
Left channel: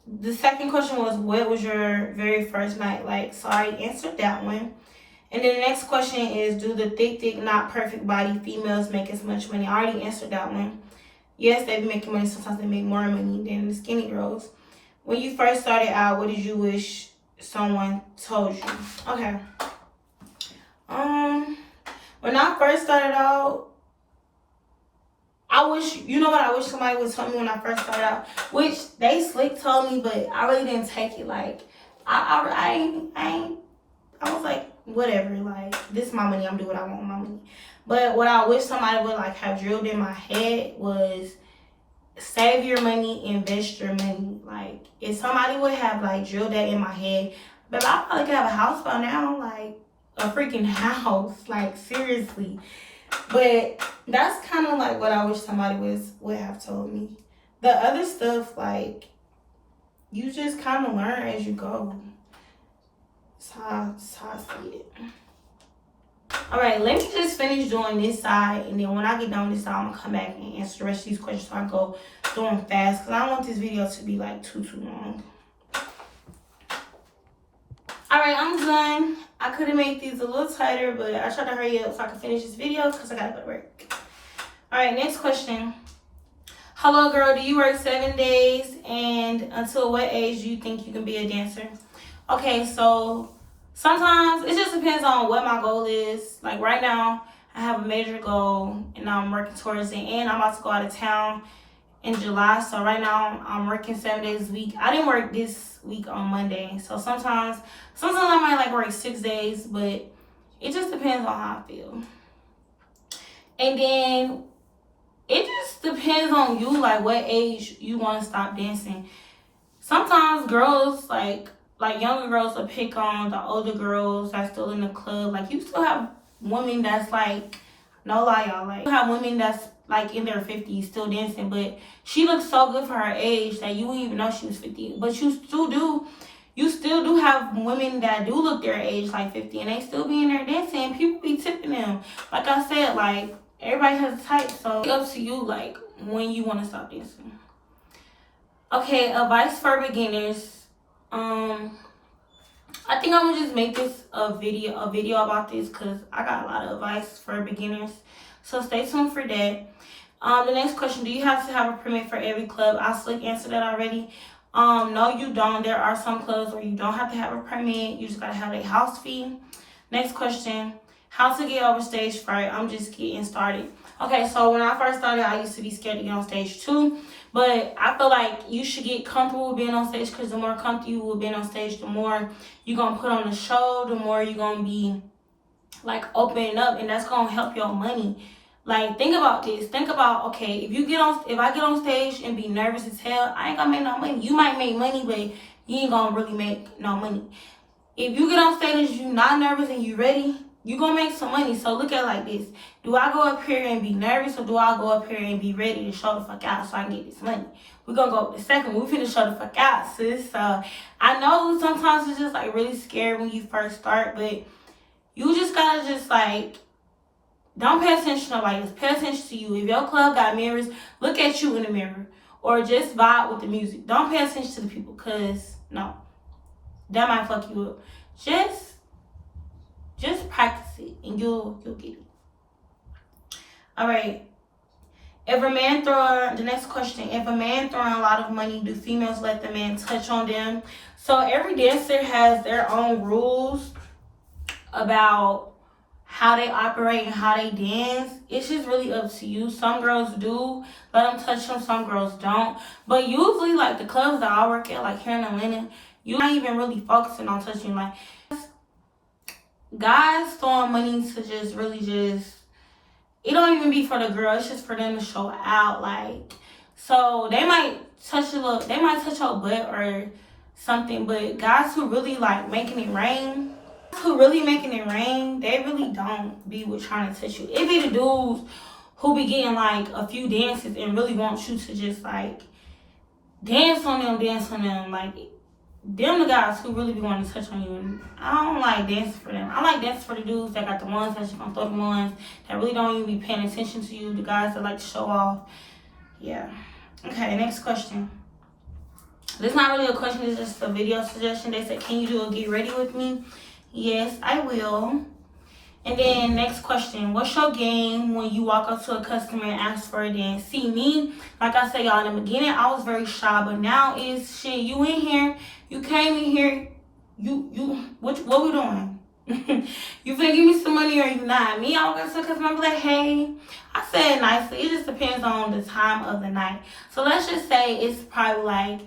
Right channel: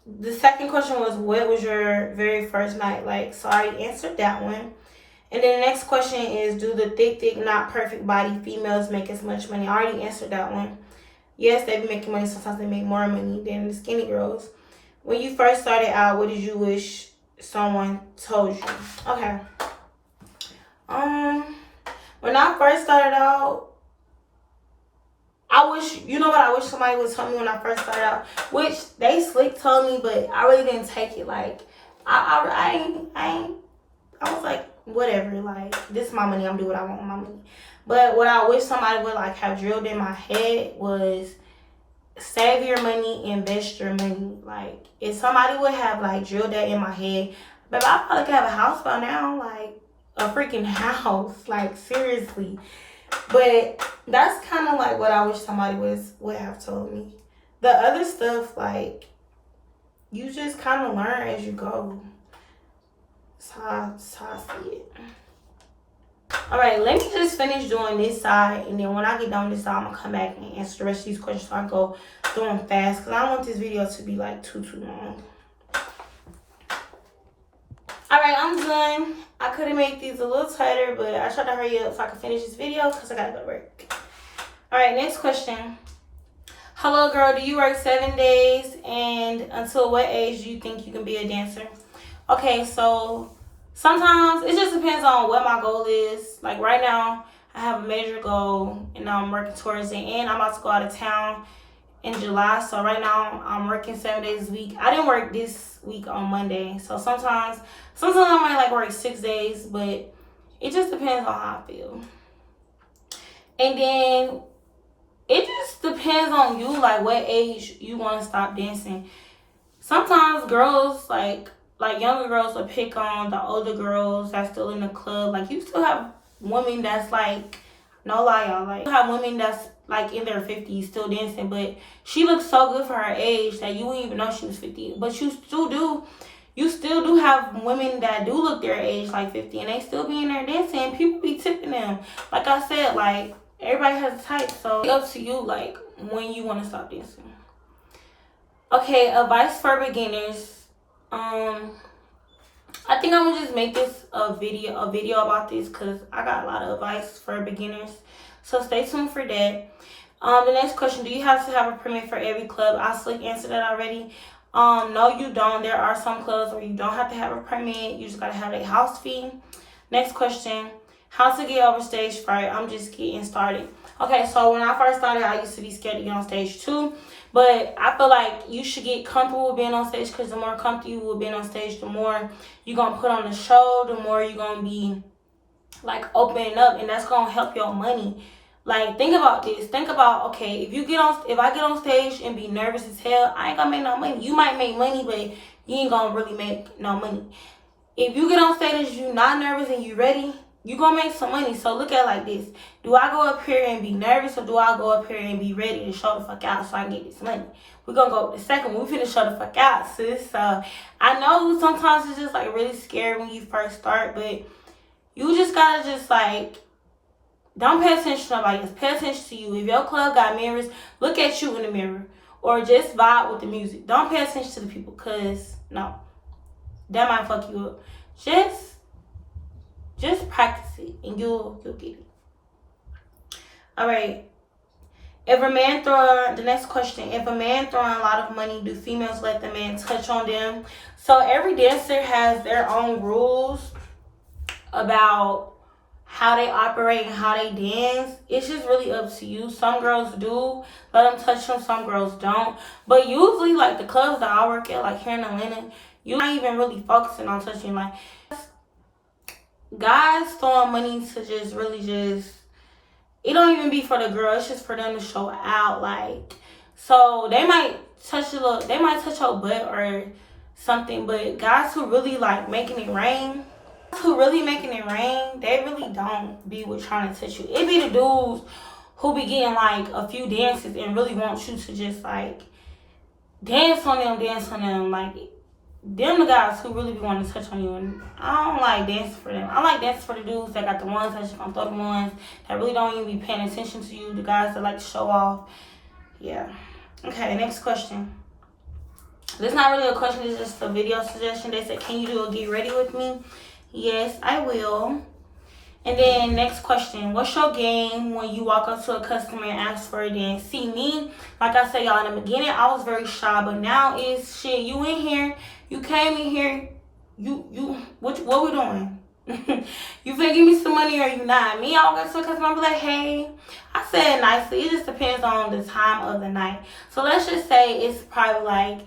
The second question was, what was your very first night like? So I already answered that one. And then the next question is, do the thick, not perfect body females make as much money? I already answered that one. Yes, they be making money. Sometimes they make more money than the skinny girls. When you first started out, what did you wish someone told you? Okay. When I first started out, I wish somebody would tell me when I first started out, which they slick told me, but I really didn't take it. Like, I was like, whatever, like, this is my money, I'm doing what I want with my money. But what I wish somebody would, like, have drilled in my head was, save your money, invest your money. Like, if somebody would have, like, drilled that in my head, but I probably could have a house by now, like, a freaking house, like, seriously. But that's kind of like what I wish somebody would have told me. The other stuff, like, you just kind of learn as you go. That's how I see it. Alright, let me just finish doing this side, and then when I get done with this side, I'm going to come back and answer the rest of these questions so I go through them fast, because I don't want this video to be like too long. Alright, I'm done. I could have made these a little tighter, but I tried to hurry up so I could finish this video because I got to go to work. Alright, next question. Hello, girl. Do you work 7 days? And until what age do you think you can be a dancer? Okay, so sometimes it just depends on what my goal is. Like right now, I have a major goal and I'm working towards it. And I'm about to go out of town in July. So right now, I'm working 7 days a week. I didn't work this week on Monday. So sometimes I might like work 6 days, but it just depends on how I feel. And then it just depends on you, like what age you want to stop dancing. Sometimes girls, like younger girls will pick on the older girls that's still in the club. Like, you still have women that's like, no lie, y'all, like, you have women that's like in their 50s still dancing, but she looks so good for her age that you wouldn't even know she was 50. But you still do, you still do have women that do look their age, like 50, and they still be in there dancing. People be tipping them. Like I said, like, everybody has a type, so it's up to you, like, when you want to stop dancing. Okay, advice for beginners. I think I'm gonna just make this a video about this, because I got a lot of advice for beginners. So stay tuned for that. The next question, do you have to have a permit for every club? I slick answered that already. No, you don't. There are some clubs where you don't have to have a permit. You just gotta have a house fee. Next question, how to get over stage fright? I'm just getting started. Okay, so when I first started, I used to be scared to get on stage too. But I feel like you should get comfortable with being on stage, because the more comfortable you will be on stage, the more you're going to put on the show, the more you're going to be, like, opening up, and that's going to help your money. Like, think about this. Think about, okay, if I get on stage and be nervous as hell, I ain't going to make no money. You might make money, but you ain't going to really make no money. If you get on stage and you're not nervous and you ready, you're going to make some money. So look at it like this. Do I go up here and be nervous, or do I go up here and be ready to show the fuck out so I can get this money? We're going to go with the second one. We finna show the fuck out, sis. So I know sometimes it's just, like, really scary when you first start, but you just got to just, like, don't pay attention to nobody else. Pay attention to you. If your club got mirrors, look at you in the mirror, or just vibe with the music. Don't pay attention to the people, because, no, that might fuck you up. Just practice it, and you'll get it. All right. The next question, if a man throwing a lot of money, do females let the man touch on them? So every dancer has their own rules about how they operate and how they dance. It's just really up to you. Some girls do let them touch them, some girls don't. But usually, like, the clubs that I work at, like here in Atlanta, you're not even really focusing on touching. Like, guys throwing money to just really it don't even be for the girl, it's just for them to show out. Like, so they might touch your butt or something, but guys who really, like, making it rain, they really don't be with trying to touch you. It be the dudes who be getting, like, a few dances and really want you to just, like, dance on them. Like, them the guys who really be wanting to touch on you, and I don't like dancing for them. I like dancing for the dudes that got the ones that just gonna throw the ones that really don't even be paying attention to you, the guys that like to show off. Yeah. Okay, next question. This is not really a question, it's just a video suggestion. They said, can you do a get ready with me? Yes, I will. And then next question, what's your game when you walk up to a customer and ask for a dance? See, me, like I said, y'all, in the beginning, I was very shy, but now it's shit. You in here, you came in here, what we doing? You finna give me some money or you not? Me, I walk up to a customer, I be like, hey. I said nicely, it just depends on the time of the night. So let's just say it's probably like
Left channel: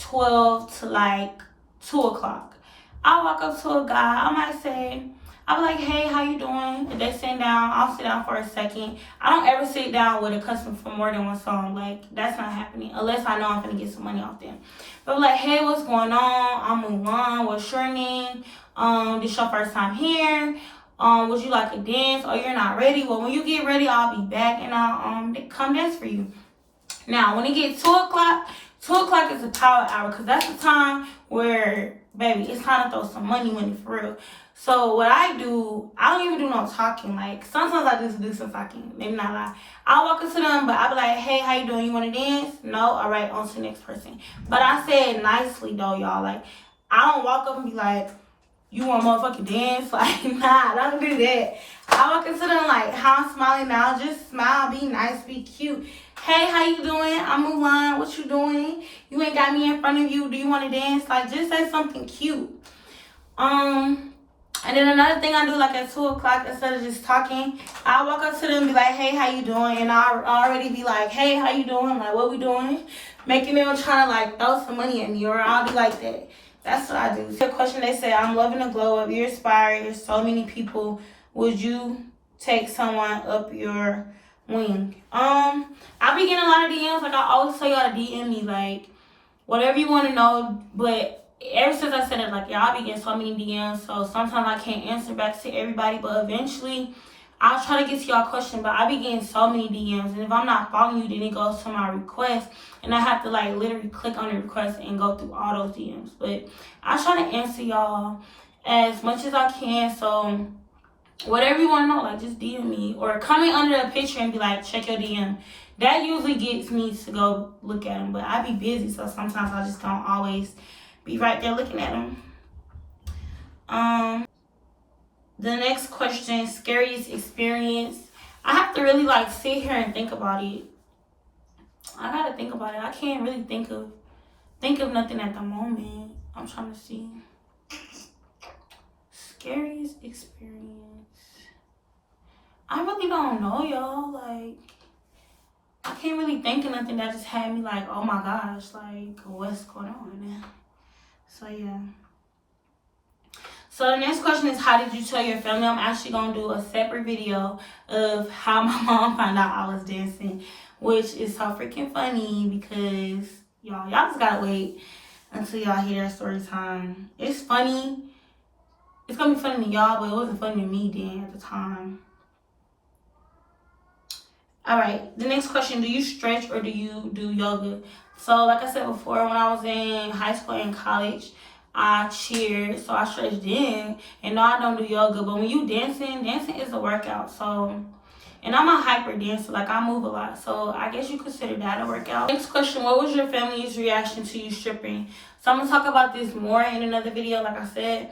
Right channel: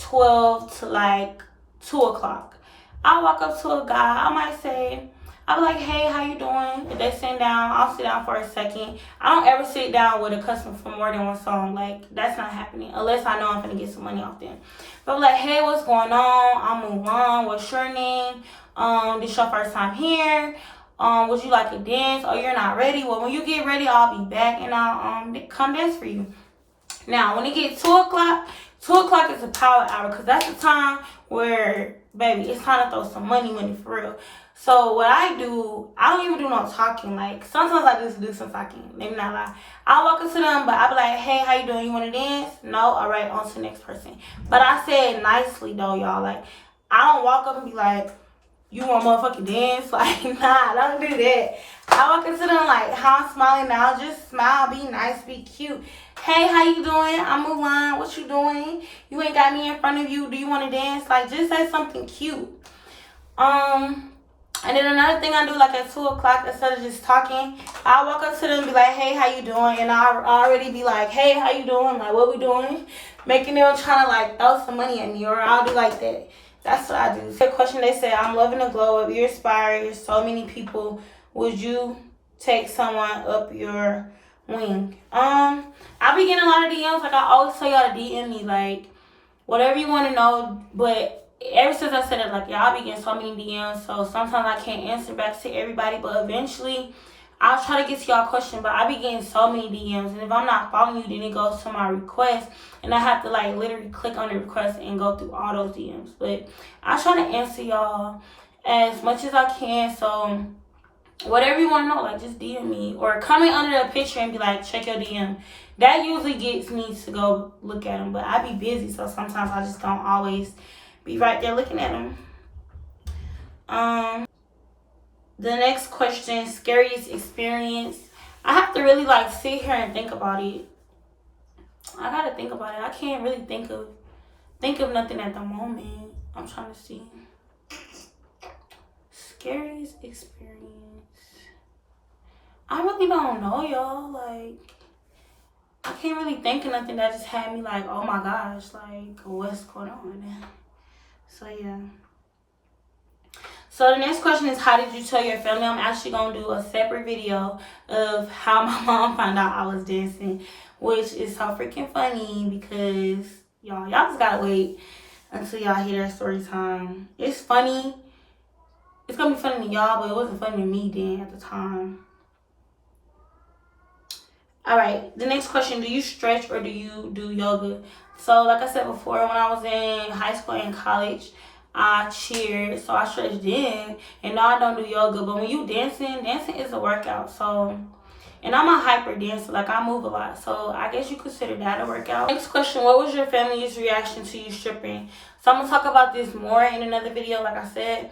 12 to like 2 o'clock. I walk up to a guy, I might say, I'll be like, hey, how you doing? If they sit down, I'll sit down for a second. I don't ever sit down with a customer for more than one song. Like, that's not happening unless I know I'm going to get some money off them. But I'm like, hey, what's going on? I'm Mulan. What's your name? This your first time here? Would you like a dance? Oh, you're not ready? Well, when you get ready, I'll be back and I'll come dance for you. Now, when it gets 2 o'clock, 2 o'clock is a power hour, because that's the time where, baby, it's time to throw some money for real. So what I do, I don't even do no talking. Like, sometimes I just do some talking. Maybe not lie. I'll walk up to them, but I'll be like, hey, how you doing? You want to dance? No? All right, on to the next person. But I said nicely, though, y'all. Like, I don't walk up and be like, you want motherfucking dance? Like, nah, I don't do that. I walk up to them like, how I'm smiling now. Just smile, be nice, be cute. Hey, how you doing? I'm Mulan. What you doing? You ain't got me in front of you. Do you want to dance? Like, just say something cute. And then another thing I do, like at 2 o'clock, instead of just talking, I'll walk up to them and be like, hey, how you doing? And I'll already be like, hey, how you doing? Like, what we doing? Making them try to, like, throw some money at me, or I'll be like that. That's what I do. The question, they say, I'm loving the glow up. You're inspiring. There's so many people. Would you take someone up your wing? I be getting a lot of DMs. Like, I always tell y'all to DM me, like, whatever you want to know, but ever since I said it, like, y'all be getting so many DMs, so sometimes I can't answer back to everybody, but eventually I'll try to get to y'all question, but I be getting so many DMs, and if I'm not following you, then it goes to my request, and I have to like literally click on the request and go through all those DMs. But I try to answer y'all as much as I can. So whatever you want to know, like, just DM me or comment under the picture and be like, check your DM. That usually gets me to go look at them, but I be busy, so sometimes I just don't always be right there looking at them. The next question, scariest experience. I have to really like sit here and think about it. I gotta think about it. I can't really think of nothing at the moment. I'm trying to see. Scariest experience. I really don't know, y'all. Like, I can't really think of nothing that just had me like, oh my gosh, like, what's going on? So yeah. So the next question is, how did you tell your family? I'm actually gonna do a separate video of how my mom found out I was dancing, which is so freaking funny because y'all just gotta wait until y'all hear their story time. It's funny. It's gonna be funny to y'all, but it wasn't funny to me then at the time. All right, the next question, do you stretch or do you do yoga? So like I said before, when I was in high school and college, I cheered, so I stretched then. And no, I don't do yoga, but when you dancing is a workout. So, and I'm a hyper dancer, like I move a lot. So I guess you consider that a workout. Next question, what was your family's reaction to you stripping? So I'm gonna talk about this more in another video, like I said.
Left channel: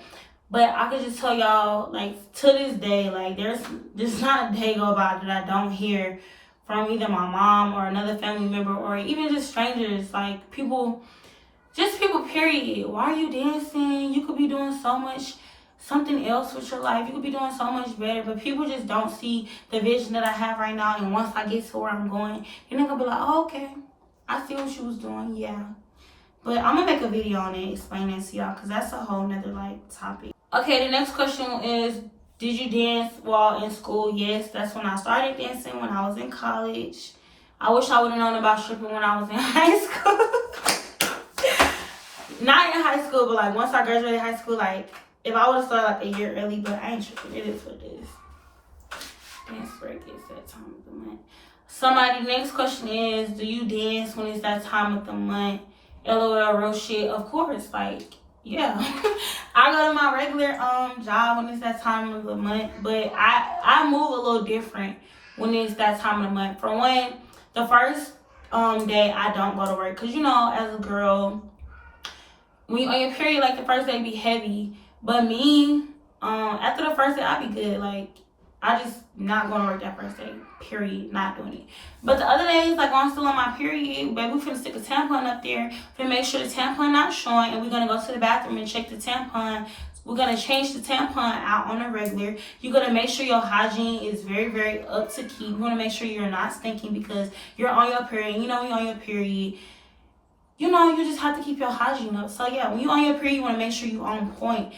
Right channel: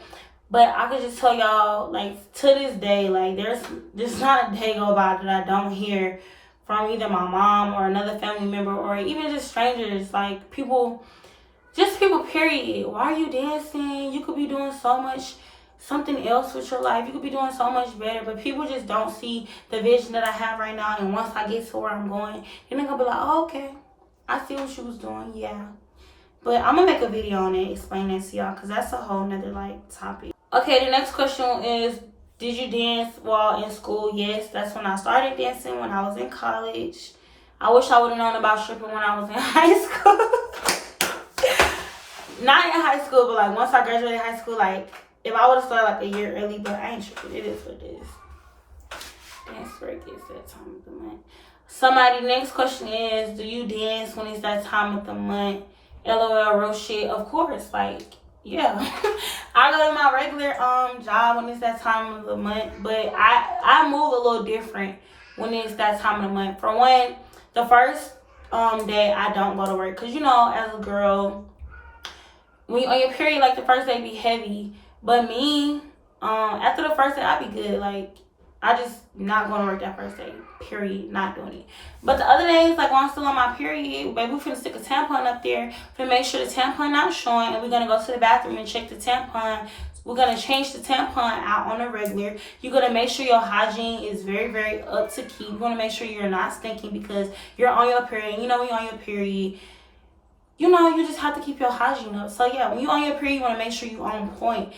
But I could just tell y'all, like, to this day, like, there's not a day go by that I don't hear from either my mom or another family member or even just strangers, like people period. Why are you dancing? You could be doing so much something else with your life. You could be doing so much better, but people just don't see the vision that I have right now. And once I get to where I'm going, then they're gonna be like, oh, okay, I see what you was doing. Yeah, but I'm gonna make a video on it, explain that to y'all, because that's a whole nother like topic. Okay, the next question is, did you dance while in school? Yes, that's when I started dancing, when I was in college. I wish I would have known about stripping when I was in high school. Not in high school, but like once I graduated high school, like if I would have started like a year early, but I ain't tripping. It is what it is. Dance break is that time of the month. Somebody, next question is, do you dance when it's that time of the month? LOL, real shit. Of course, like, yeah. I go to my regular job when it's that time of the month, but I move a little different when it's that time of the month. For one, the first day I don't go to work, because you know, as a girl, when you on your period, like the first day be heavy. But me, after the first day I be good. Like, I just not going to work that first day. Period. Not doing it. But the other days, like when I'm still on my period, baby, we finna stick a tampon up there. Finna make sure the tampon not showing, and we're gonna go to the bathroom and check the tampon. We're gonna change the tampon out on a regular. You're gonna make sure your hygiene is very, very up to keep. You wanna make sure you're not stinking because you're on your period. You know, when you're on your period, you know, you just have to keep your hygiene up. So yeah, when you're on your period, you wanna make sure you're on point.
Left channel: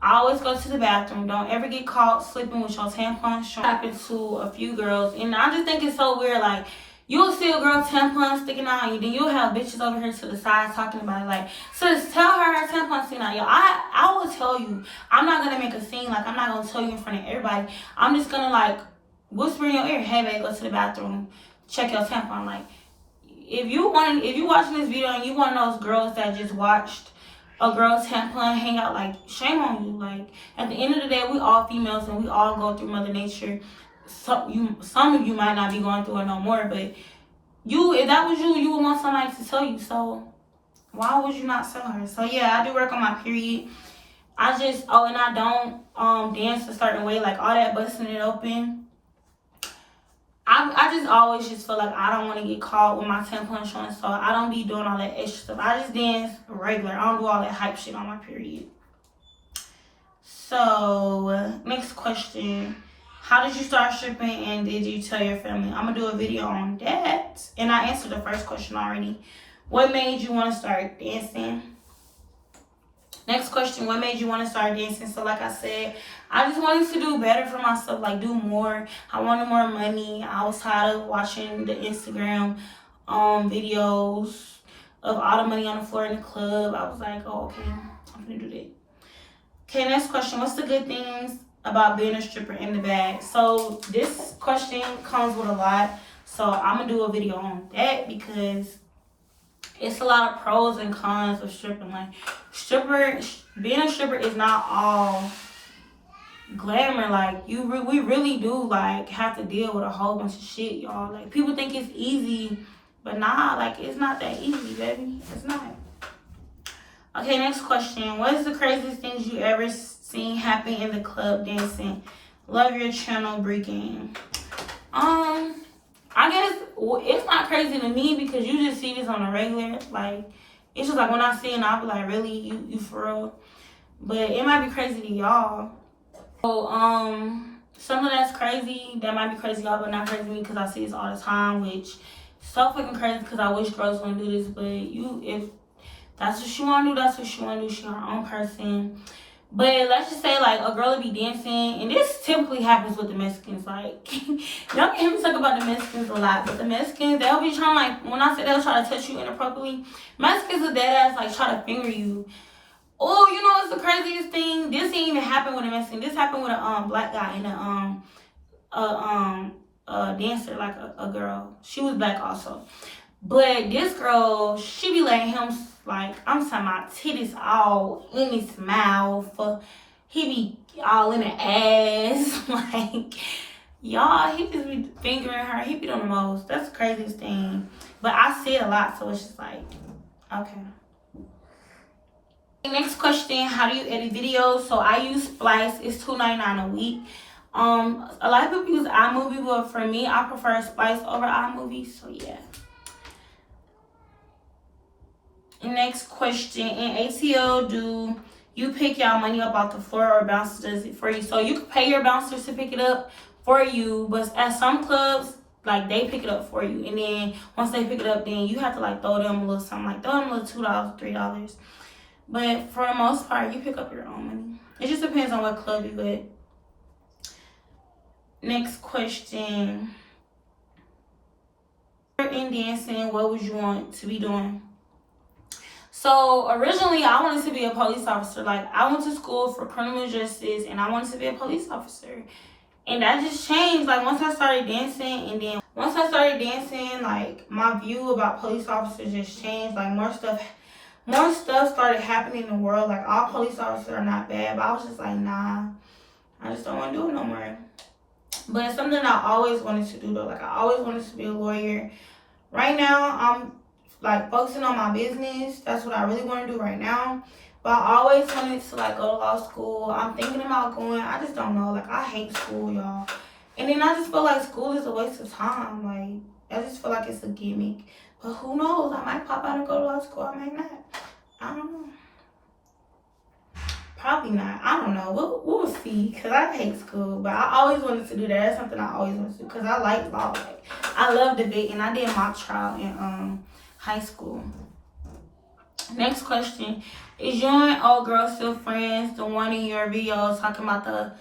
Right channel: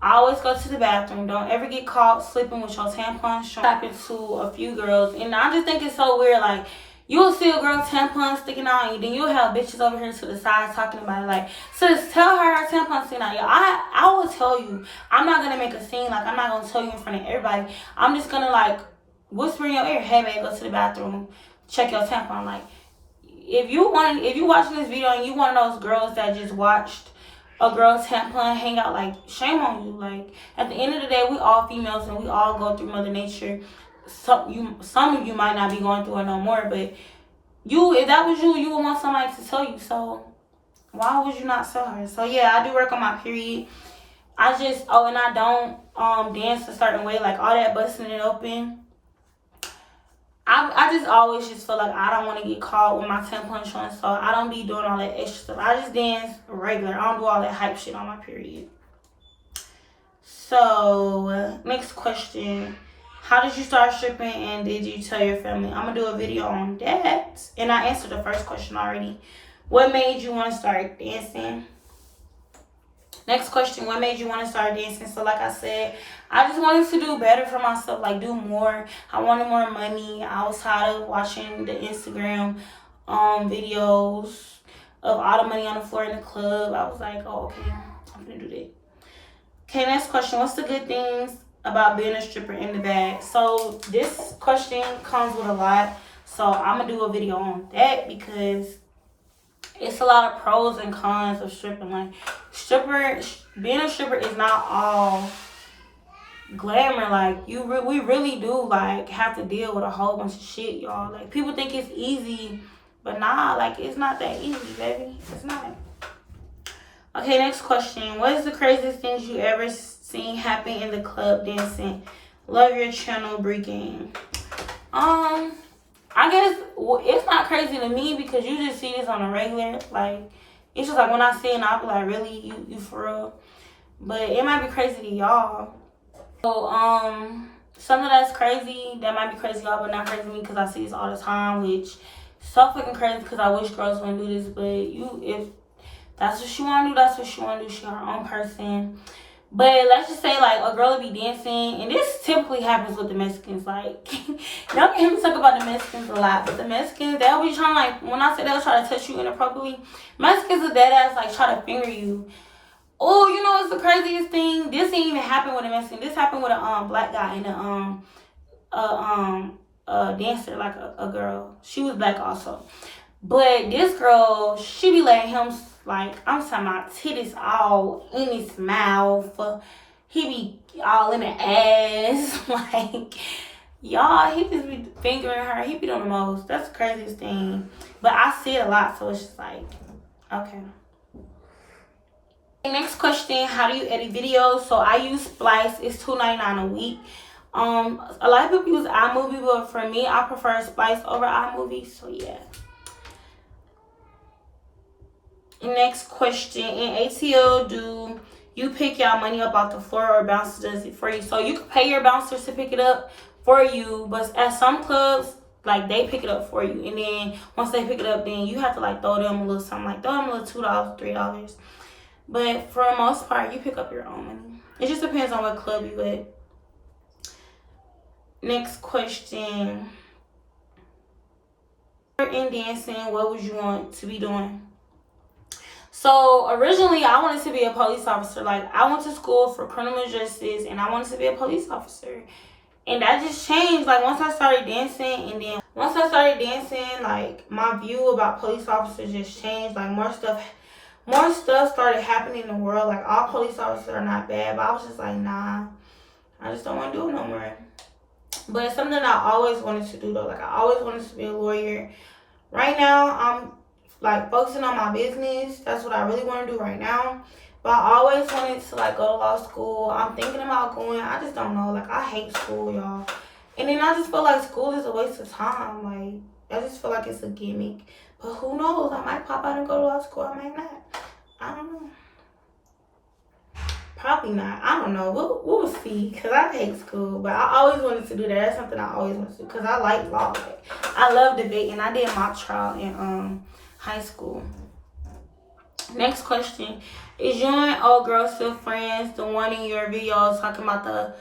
I always go to the bathroom. Don't ever get caught sleeping with your tampon showing. Happened to a few girls, and I just think it's so weird. Like, you'll see a girl tampon sticking out, and then you'll have bitches over here to the side talking about it. Like, sis, tell her tampon sticking out. Yo, I will tell you. I'm not gonna make a scene. Like, I'm not gonna tell you in front of everybody. I'm just gonna like whisper in your ear, hey babe, go to the bathroom, check your tampon. Like, if you watching this video and you one of those girls that just watched a girl's tampon hang out, like, shame on you. Like, at the end of the day, we all females and we all go through Mother Nature. Some of you might not be going through it no more, but if that was you would want somebody to tell you. So why would you not tell her? So yeah, I do work on my period. I just and I don't dance a certain way, like all that busting it open. I just always just feel like I don't want to get caught with my tampon showing, so I don't be doing all that extra stuff. I just dance regular. I don't do all that hype shit on my period. So, next question. How did you start stripping and did you tell your family? I'm going to do a video on that. And I answered the first question already. What made you want to start dancing? Next question, what made you want to start dancing? So like I said, I just wanted to do better for myself, like do more. I wanted more money. I was tired of watching the Instagram videos of all the money on the floor in the club. I was like, oh, okay, I'm gonna do that. Okay, next question, what's the good things about being a stripper in the bag? So this question comes with a lot. So I'm gonna do a video on that because it's a lot of pros and cons of stripping. Like being a stripper is not all glamour. Like we really do like have to deal with a whole bunch of shit, y'all. Like people think it's easy, but nah, like it's not that easy, baby. It's not. Okay, next question. What is the craziest things you ever seen happen in the club dancing? Love your channel, Bree Game. I guess it's not crazy to me because you just see this on a regular. Like, it's just like when I see it, I'll be like, really, you for real? But it might be crazy to y'all. So, something that's crazy, that might be crazy to y'all, but not crazy to me because I see this all the time, which so fucking crazy because I wish girls wouldn't do this. But if that's what she want to do, that's what she want to do. She her own person. But let's just say, like, a girl will be dancing, and this typically happens with the Mexicans. Like, y'all can hear me talk about the Mexicans a lot, but the Mexicans, they'll be trying, like, when I say they'll try to touch you inappropriately, Mexicans are dead ass, like, try to finger you. Oh, you know what's the craziest thing? This didn't even happen with a Mexican. This happened with a black guy and a dancer, like a girl. She was black also. But this girl, she be letting him, like, I'm talking about titties all in his mouth. He be all in the ass. Like, y'all, he just be fingering her. He be doing the most. That's the craziest thing. But I see it a lot, so it's just like, okay. Next question, how do you edit videos? So I use Splice. It's $2.99 a week. A lot of people use iMovie, but for me, I prefer Splice over iMovie. So yeah. Next question, in ATL, do you pick y'all money up off the floor or bouncer does it for you? So you can pay your bouncers to pick it up for you, but at some clubs, like, they pick it up for you. And then once they pick it up, then you have to, like, throw them a little something. Like, throw them a little $2, $3. But for the most part, you pick up your own money. It just depends on what club you at. Next question. In dancing, what would you want to be doing? So originally, I wanted to be a police officer. Like, I went to school for criminal justice, and I wanted to be a police officer. And that just changed. Like, once I started dancing, and then once I started dancing, like, my view about police officers just changed. Like, more stuff started happening in the world. Like, all police officers are not bad, but I was just like, nah, I just don't want to do it no more. But it's something I always wanted to do, though. Like, I always wanted to be a lawyer. Right now, I'm, like, focusing on my business. That's what I really want to do right now. But I always wanted to, like, go to law school. I'm thinking about going. I just don't know. Like, I hate school, y'all. And then I just feel like school is a waste of time. Like, I just feel like it's a gimmick. But who knows? I might pop out and go to law school. I might not. I don't know. Probably not. I don't know. We'll see. Because I hate school. But I always wanted to do that. That's something I always wanted to do. Because I like law. Like, I love debating. I did mock trial in high school. Next question. Is you and old girl still friends? The one in your videos talking about the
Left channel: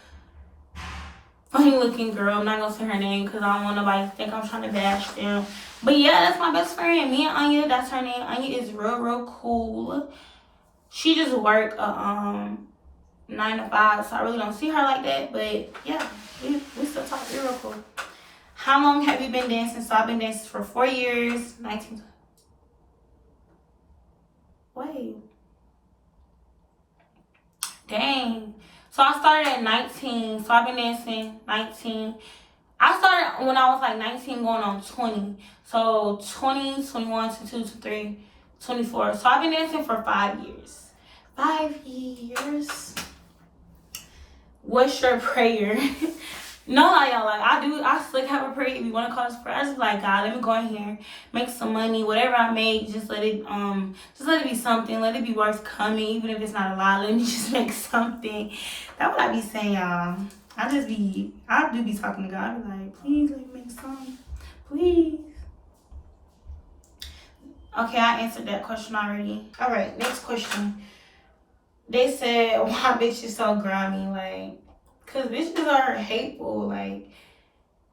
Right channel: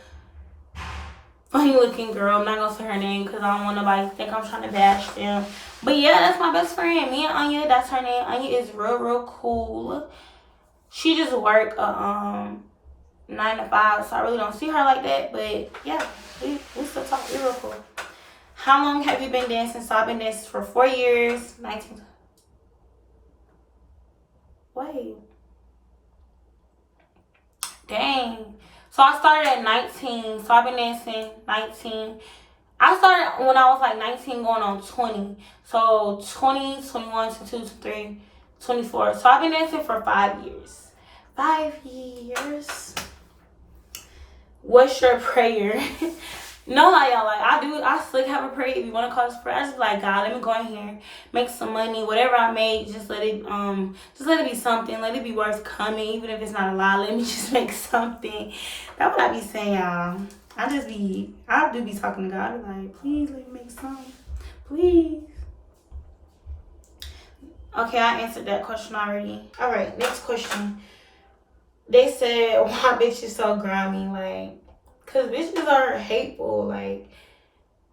funny looking girl. I'm not going to say her name because I don't want nobody to think I'm trying to bash them. But yeah, that's my best friend. Me and Anya, that's her name. Anya is real cool. She just work 9 to 5, so I really don't see her like that. But yeah, we still talk. We're real cool. How long have you been dancing? So I've been dancing for 4 years. 19. Wait. Dang. So I started at 19. So I've been dancing 19. I started when I was like 19 going on 20. So 20, 21, 22, 23, 24. So I've been dancing for 5 years. 5 years. What's your prayer? No lie, y'all. Like, I still have a prayer. If you want to call this prayer, I just be like, God, let me go in here, make some money. Whatever I make, just let it be something. Let it be worth coming, even if it's not a lot. Let me just make something. That's what I be saying, y'all. I do be talking to God. I be like, please let me make something. Please. Okay, I answered that question already. All right, next question. They said, why bitches so grimy? Like, because bitches are hateful. Like,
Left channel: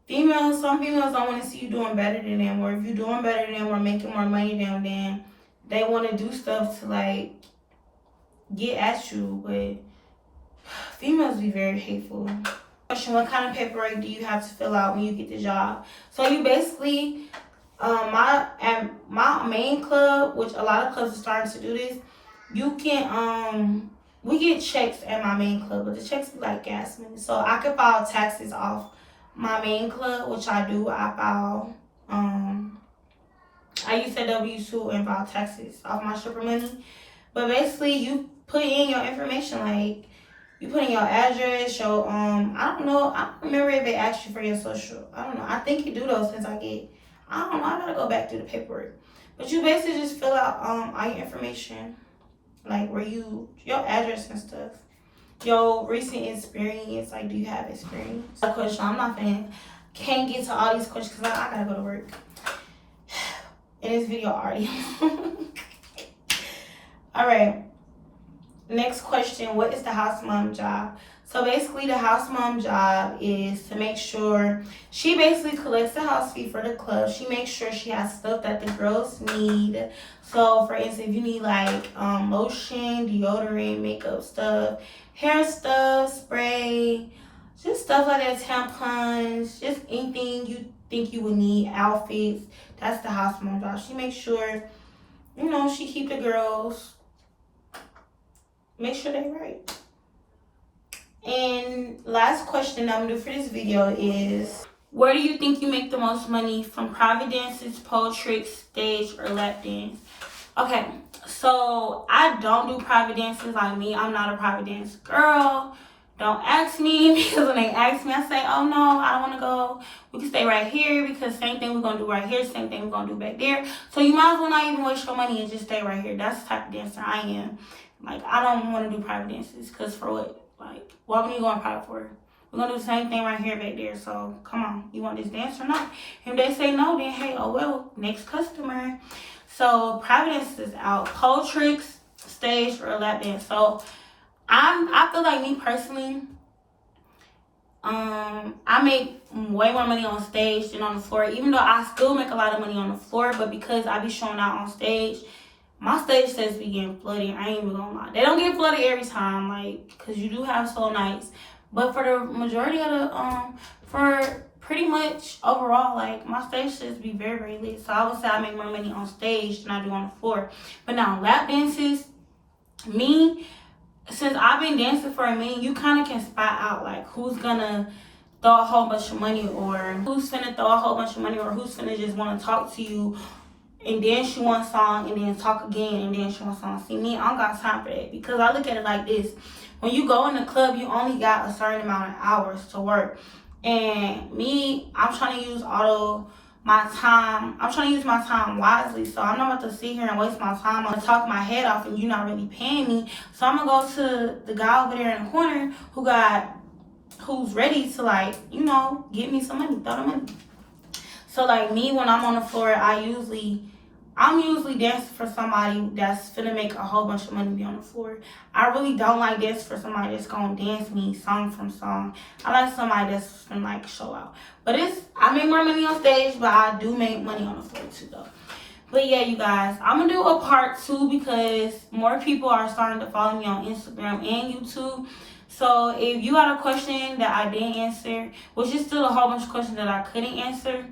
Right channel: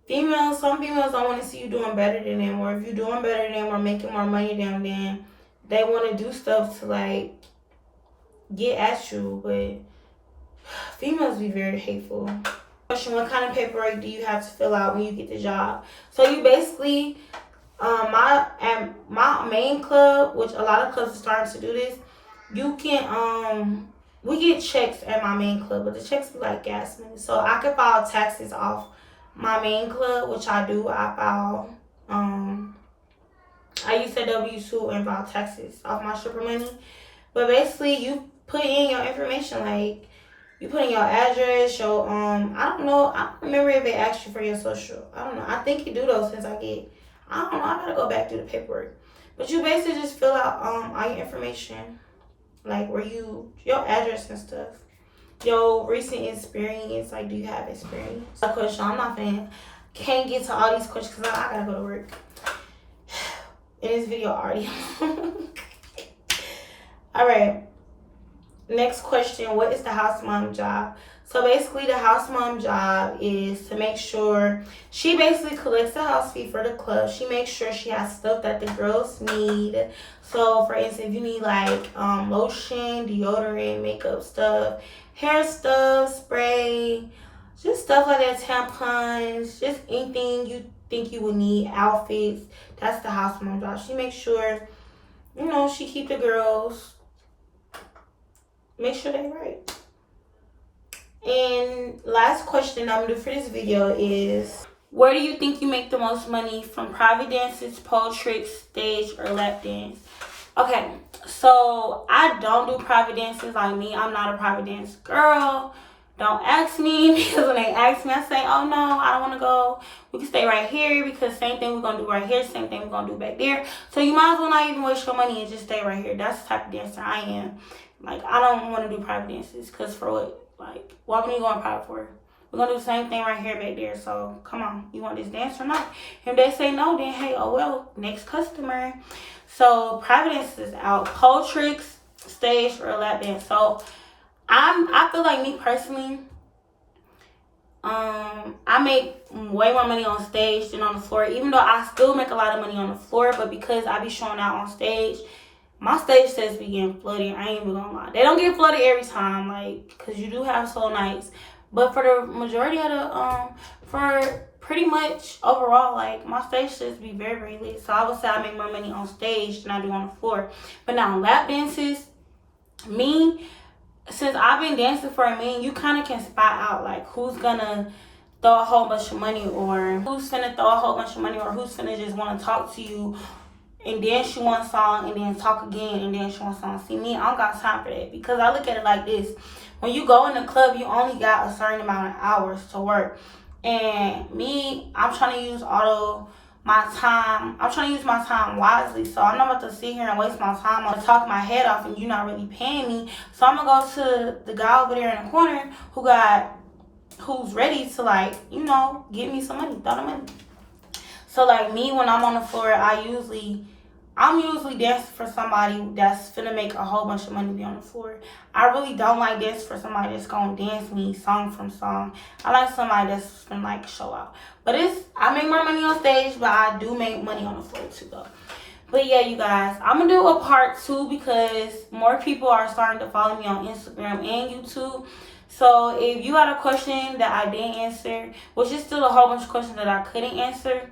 some females don't want to see you doing better than them. Or if you're doing better than them or making more money than them, then they want to do stuff to, like, get at you. But Females be very hateful. Question: what kind of paperwork do you have to fill out when you get the job? So you basically, at my main club, which a lot of clubs are starting to do this, you can we get checks at my main club, but the checks be like gas money. So I can file taxes off my main club, which I do. I file I use a W-2 and file taxes off my stripper money. But basically, you put in your information, like you put in your address, your I don't know, I don't remember if they asked you for your social. I don't know. I think you do though, since I don't know. I gotta go back through the paperwork. But you basically just fill out all your information, like your address and stuff, your recent experience. Like, do you have experience? A question. I'm not can't get to all these questions because I gotta go to work. In this video already. All right. Next question: what is the house mom job? So basically, the house mom job is to make sure she basically collects the house fee for the club. She makes sure she has stuff that the girls need. So for instance, if you need like lotion, deodorant, makeup stuff, hair stuff, spray, just stuff like that, tampons, just anything you think you would need, outfits, that's the house mom job. She makes sure, she keep the girls, make sure they're right. And last question I'm gonna do for this video is, where do you think you make the most money from private dances, pole tricks, stage, or lap dance? Okay, so I don't do private dances. Like me, I'm not a private dance girl. Don't ask me, because when they ask me, I say, oh no, I don't want to go. We can stay right here, because same thing we're going to do right here, same thing we're going to do back there. So you might as well not even waste your money and just stay right here. That's the type of dancer I am. Like, I don't want to do private dances, because for what? Like, what are you going private for? We're going to do the same thing right here back there. So come on, you want this dance or not? If they say no, then hey, oh well, next customer. So private dance is out. Pole tricks, stage, or lap dance. So I feel like, me personally, I make way more money on stage than on the floor, even though I still make a lot of money on the floor. But because I be showing out on stage, my stage sets be getting flooded. I ain't even gonna lie. They don't get flooded every time, like, because you do have slow nights. But for the majority of the, for pretty much overall, like, my stage sets be very, very lit. So I would say I make more money on stage than I do on the floor. But now, lap dances, since I've been dancing for a minute, you kind of can spot out, like, who's gonna throw a whole bunch of money, or who's finna throw a whole bunch of money, or who's finna just want to talk to you and dance you one song and then talk again and dance you one song. See, me, I don't got time for that, because I look at it like this. When you go in the club, you only got a certain amount of hours to work. And me, I'm trying to use my time wisely. So I'm not about to sit here and waste my time on talking my head off and you're not really paying me. So I'm gonna go to the guy over there in the corner who's ready to, like, give me some money, throw the money. So like me, when I'm on the floor, I'm usually dancing for somebody that's finna make a whole bunch of money be on the floor. I really don't like dancing for somebody that's gonna dance me song from song. I like somebody that's finna, like, show out. But I make more money on stage, but I do make money on the floor too, though. But yeah, you guys, I'm gonna do a part 2 because more people are starting to follow me on Instagram and YouTube. So if you had a question that I didn't answer, which is still a whole bunch of questions that I couldn't answer,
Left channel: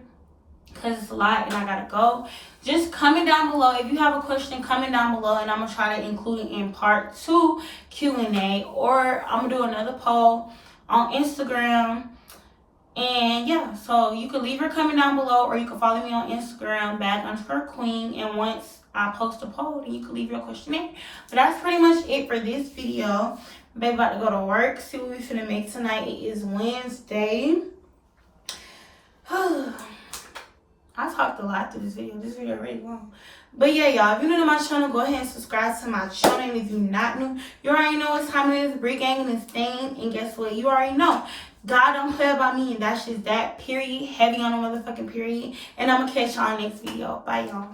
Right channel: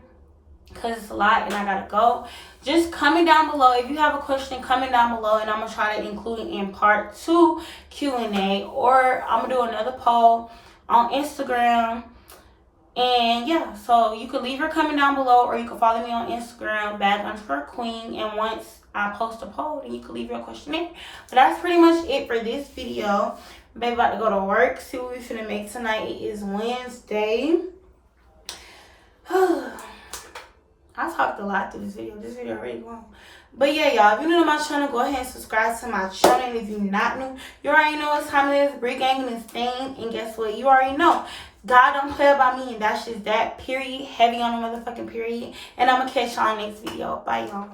because it's a lot and I gotta go, just comment down below. If you have a question, comment down below, and I'm gonna try to include it in part 2 Q&A, or I'm gonna do another poll on Instagram. And yeah, so you could leave your comment down below, or you can follow me on Instagram, bag_queen, and once I post a poll, then you can leave your question there. But that's pretty much it for this video. Baby about to go to work, see what we finna make tonight. It is Wednesday. I talked a lot through this video. This video really long. But yeah, y'all, if you're new to my channel, go ahead and subscribe to my channel. And if you're not new, you already know what time it is. Brick gang and stain. And guess what? You already know. God don't play about me, and that's just that, period. Heavy on the motherfucking period. And I'm going to catch y'all in the next video. Bye, y'all.